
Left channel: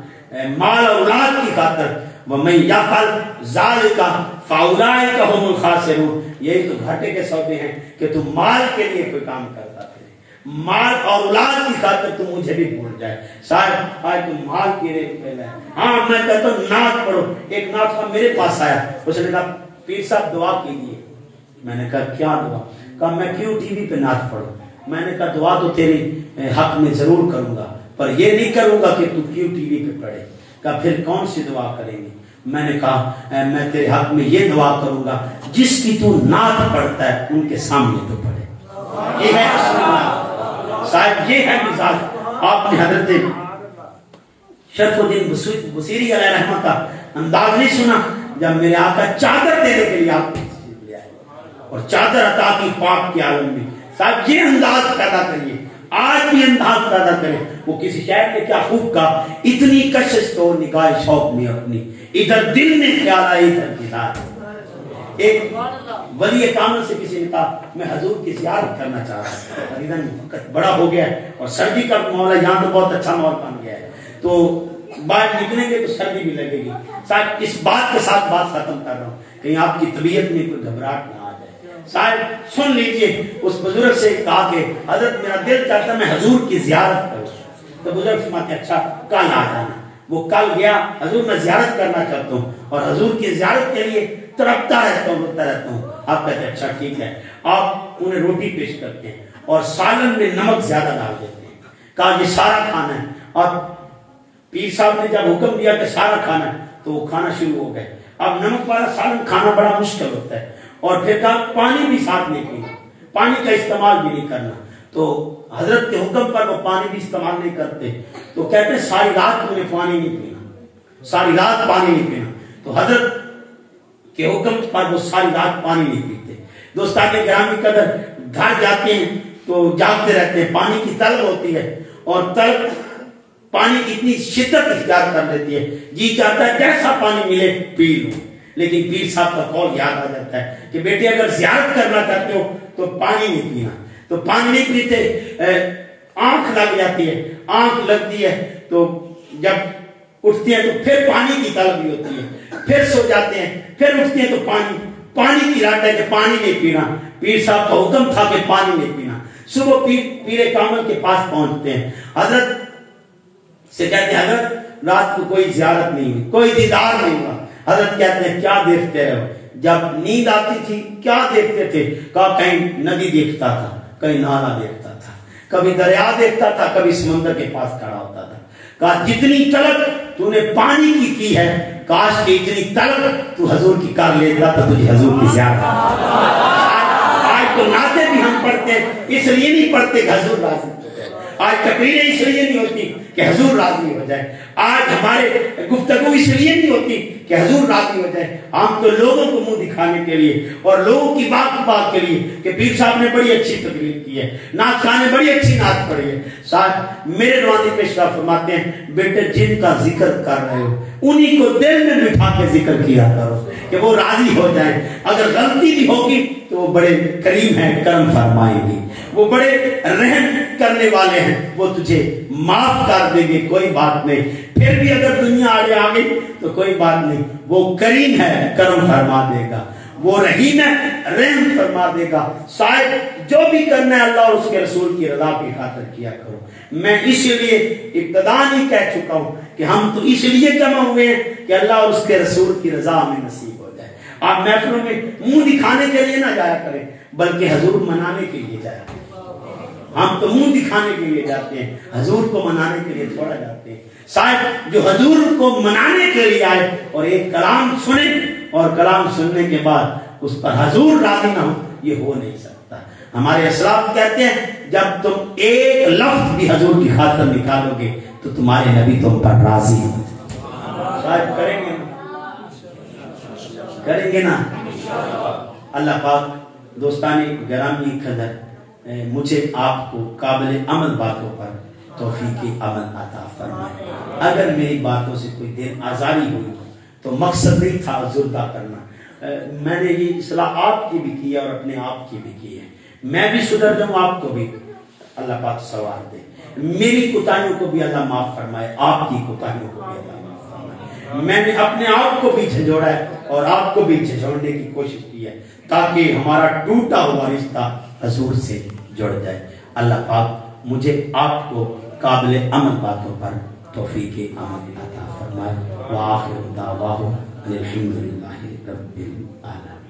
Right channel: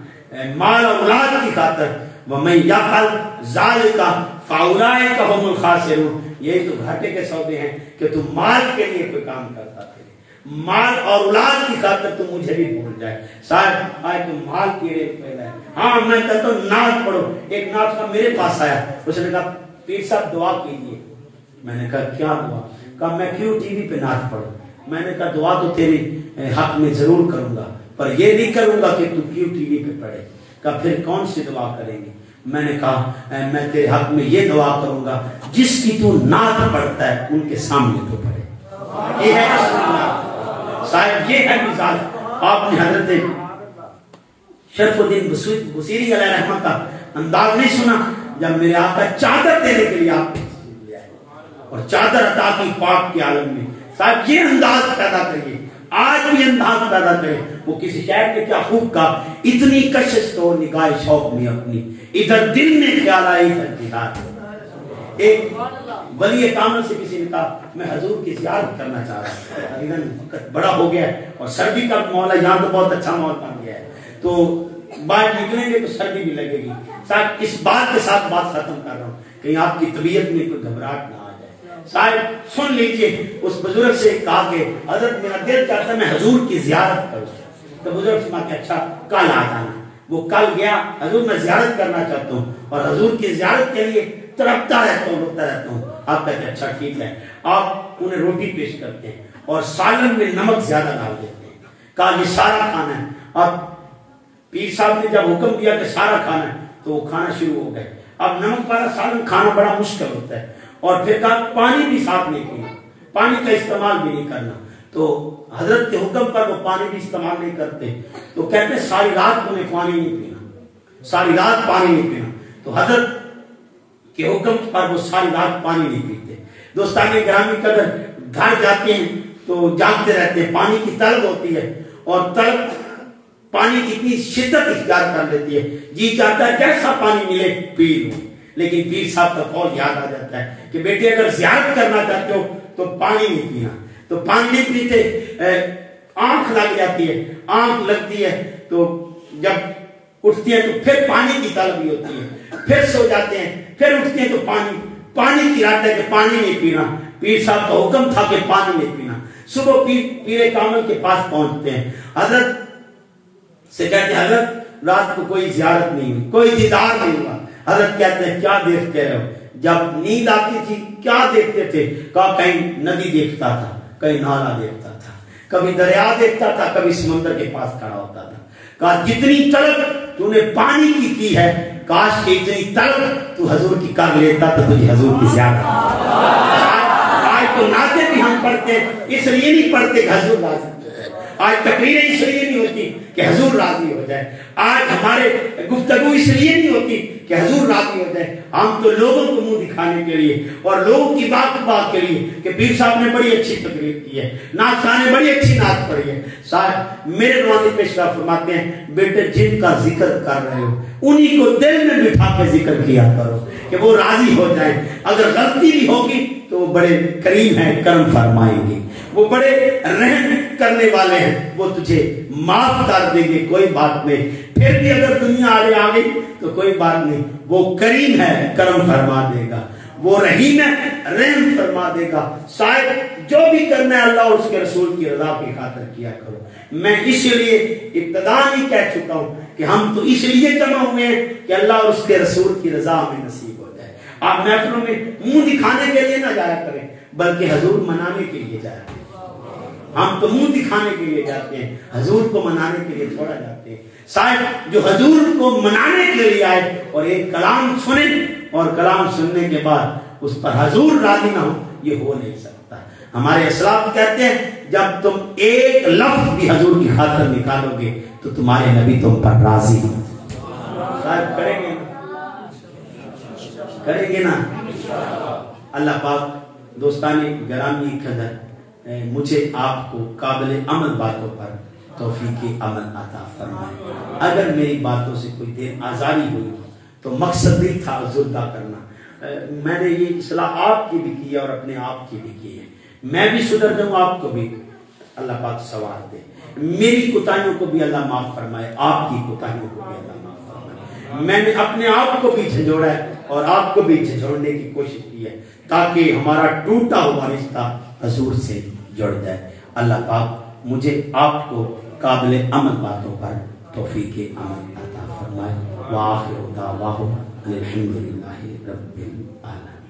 مال اور اولاد کی خاطر۔ وَمَن يَفْعَلْ ذَلِكَ فَأُولَٰئِكَ هُمُ الْخَاسِرُونَ، یہی تو گھاٹے کے سودے ہیں کہ تم مال کے لیے کوئی کام کرتا تھے، مال اور اولاد کی خاطر تم مجھے بھی بھول جائے۔ شاید آج تم مال کی ریت پہ گئے۔ ہاں میں کہتا ہوں نعت پڑھو۔ ایک نعت کا میرے پاس آیا، اس نے کہا پیر صاحب دعا کیجیے. میں نے کہا کیا دعا؟ کہا میں کیوں ٹی وی پہ نعت پڑھوں؟ میں نے کہا دعا تو تیرے حق میں ضرور کروں گا، پر یہ نہیں کروں گا کہ تو کیوں ٹی وی پہ پڑھے. کہا پھر کون سی دعا کریں گے؟ میں نے کہا میں تیرے حق میں یہ دعا کروں گا جس کی تو نعت پڑھتا ہے ان کے سامنے تو پڑھے. یہ ہے صاحب، یہ ہے مثال. آپ نے حضرت شرف الدین بصیری علیہ رحمت کا انداز نہیں سنا جب میرے آقا چادر دینے کے لیے آپ لے آئے اور چادر عطا کی پاک کے عالم میں. صاحب یہ انداز پیدا کریے، آج بھی انداز پیدا کریں. وہ کسی شاعر نے کیا خوب کہا، اتنی کشش تو نگاہ شوق میں اپنی، ادھر دل میں خیال آئی ادھر دیدار. ایک ولی کامل سے کسی نے کہا میں حضور کی زیارت کرنا چاہ رہا ہوں، وقت بڑا ہو گیا ہے اور سردی کا مولا یہاں تو بہت اچھا ماحول بن گیا ہے، تو باہر نکلیں گے تو سردی بھی لگے گی. صاحب اس بات کے ساتھ بات ختم کر رہا ہوں، کہیں آپ کی طبیعت میں کوئی گھبراہٹ نہ آ جائے. صاحب سن لیجئے، اس بزرگ سے کہا کہ حضرت میرا دل چاہتا ہے میں حضور کی زیارت کروں. تو بزرگ فرماتے اچھا کل آ جانا. وہ کل گیا، حضور میں زیارت کرنا چاہتا ہوں اور حضور کی زیارت کے لیے تڑپتا رہتا ہوں، روتا رہتا ہوں. آپ کہتے اچھا ٹھیک ہے. آپ انہیں روٹی پیش کرتے ہیں اور سالن میں نمک زیادہ ڈال دیتے ہیں. کہا یہ سارا کھانا ہے. اور پیر صاحب نے جب حکم دیا کہ سارا کھانا ہے تو وہ کھانا شروع ہو گئے. اب نمک والا سالن کھانا بڑا مشکل ہوتا ہے. اور پھر کہا پانی بھی ساتھ نہیں پینا، پانی کا استعمال بھی نہیں کرنا. تو حضرت کے حکم پر وہ پانی بھی استعمال نہیں کرتے. تو کہتے ساری رات انہیں پانی نہیں پینا، ساری رات پانی نہیں پینا. تو حضرت کے حکم پر وہ ساری رات پانی نہیں پیتے. دوستان گرامی قدر گھر جاتے ہیں تو جاگتے رہتے ہیں، پانی کی طلب ہوتی ہے اور طلب پانی کی اتنی شدت اختیار کر لیتی ہے، جی چاہتا ہے کیسا پانی ملے پی لوں. لیکن پیر صاحب کا قول یاد آ جاتا ہے کہ بیٹے اگر زیارت کرنا چاہتے ہو تو پانی نہیں پینا. تو پانی نہیں پیتے، آنکھ لگ جاتی ہے، آنکھ لگتی ہے تو جب اٹھتی ہے تو پھر پانی کی طلب بھی ہوتی ہے، پھر سو جاتے ہیں، پھر اٹھتے ہیں تو پانی کی رات ہے کہ پانی نہیں پینا. پیر صاحب کا حکم تھا کہ پانی نہیں پینا. صبح پیر کامل کے پاس پہنچتے ہیں، حضرت سے کہتے ہیں حضرت رات کو کوئی زیارت نہیں ہوئی، کوئی دیدار نہیں ہوا. حضرت کہتے ہیں کیا دیکھتے رہے ہو؟ جب نیند آتی تھی کیا دیکھتے تھے؟ کہا کہیں ندی دیکھتا تھا، کہیں نالا دیکھتا تھا، کبھی دریا دیکھتا تھا، کبھی سمندر کے پاس کھڑا ہوتا تھا. کہا جتنی طلب تو نے پانی کی ہے، کاش کہ اتنی طلب تو حضور کی کر لیتا تو تجھے حضور کی زیارت. آج تو نعتیں بھی ہم پڑھتے اس لیے نہیں پڑھتے کہ حضور راضی ہو جائے. آج تقریریں اس لیے نہیں ہوتی کہ حضور راضی ہو جائے. آج ہمارے گفتگو اس لیے نہیں ہوتی کہ حضور راضی ہو جائے. ہم تو لوگوں کو منہ دکھانے کے لیے اور لوگوں کی بات کے لیے کہ پیر صاحب نے بڑی اچھی تقریر کی ہے، نعت خواہ نے بڑی اچھی نعت پڑھی ہے. صاحب میرے روانی پیشوا فرماتے ہیں بیٹے جن کا ذکر کر رہے ہو انہی کو دل میں بٹھا کے ذکر کیا کرو کہ وہ راضی ہو جائیں. اگر غلطی بھی ہوگی تو وہ بڑے کریم ہیں، کرم فرمائیں گے، وہ بڑے رحم کرنے والے ہیں، وہ تجھے معاف کر دیں گے، کوئی بات نہیں. پھر بھی اگر دنیا آگے آ گئی تو کوئی بات نہیں، وہ کریم ہے، کرم فرما دے گا، وہ رحیم ہے، رحم فرما دے گا. شاید جو بھی کرنا ہے اللہ اور اس کے رسول کی رضا کی خاطر کیا کرو. میں اس لیے ابتدا نہیں کہہ چکا ہوں کہ ہم تو اس لیے جمع ہوئے ہیں کہ اللہ اور اس کے رسول کی رضا ہمیں نصیب ہو جائے. آپ محفلوں میں منہ دکھانے کے لیے نہ جایا کریں بلکہ حضور منانے کے لیے جایا کریں. ہم تو منہ دکھانے کے لیے جاتے ہیں، حضور کو منانے کے لیے تھوڑا جاتے ہیں. صاحب جو حضور کو منانے کے لیے آئے اور ایک کلام سنیں اور کلام سننے کے بعد اس پر حضور راضی نہ ہو، یہ ہو نہیں سکتا. ہمارے اسلاف کہتے ہیں جب تم ایک لفظ بھی حضور کی خاطر نکالو گے تو تمہارے نبی تم پر راضی ہو. صاحب کریں گے نا. اللہ پاک دوستانی گرامی قدر مجھے آپ کو قابل عمل باتوں پر توفیق عمل عطا فرمائے. اگر میری باتوں سے کوئی دیر آزاری ہوئی ہو تو مقصد بھی تھا زردہ کرنا. میں نے یہ اصلاح آپ کی بھی کی ہے اور اپنے آپ کی بھی کی ہے. میں بھی سدھر جاؤں، آپ کو بھی اللہ پاک سوار دے. میری کوتاہیوں کو بھی اللہ معاف فرمائے، آپ کی کوتاہیوں کو بھی اللہ معاف فرمائے. میں نے اپنے آپ کو بھی جھنجھوڑا ہے اور آپ کو بھی جھنجھوڑنے کی کوشش کی ہے تاکہ ہمارا ٹوٹا ہوا رشتہ حضور سے جڑ جائے. اللہ پاک مجھے آپ کو قابل عمل باتوں پر توفیق عمل عطا فرمائے. وآخر دعواہ الحمدللہ رب العالمین.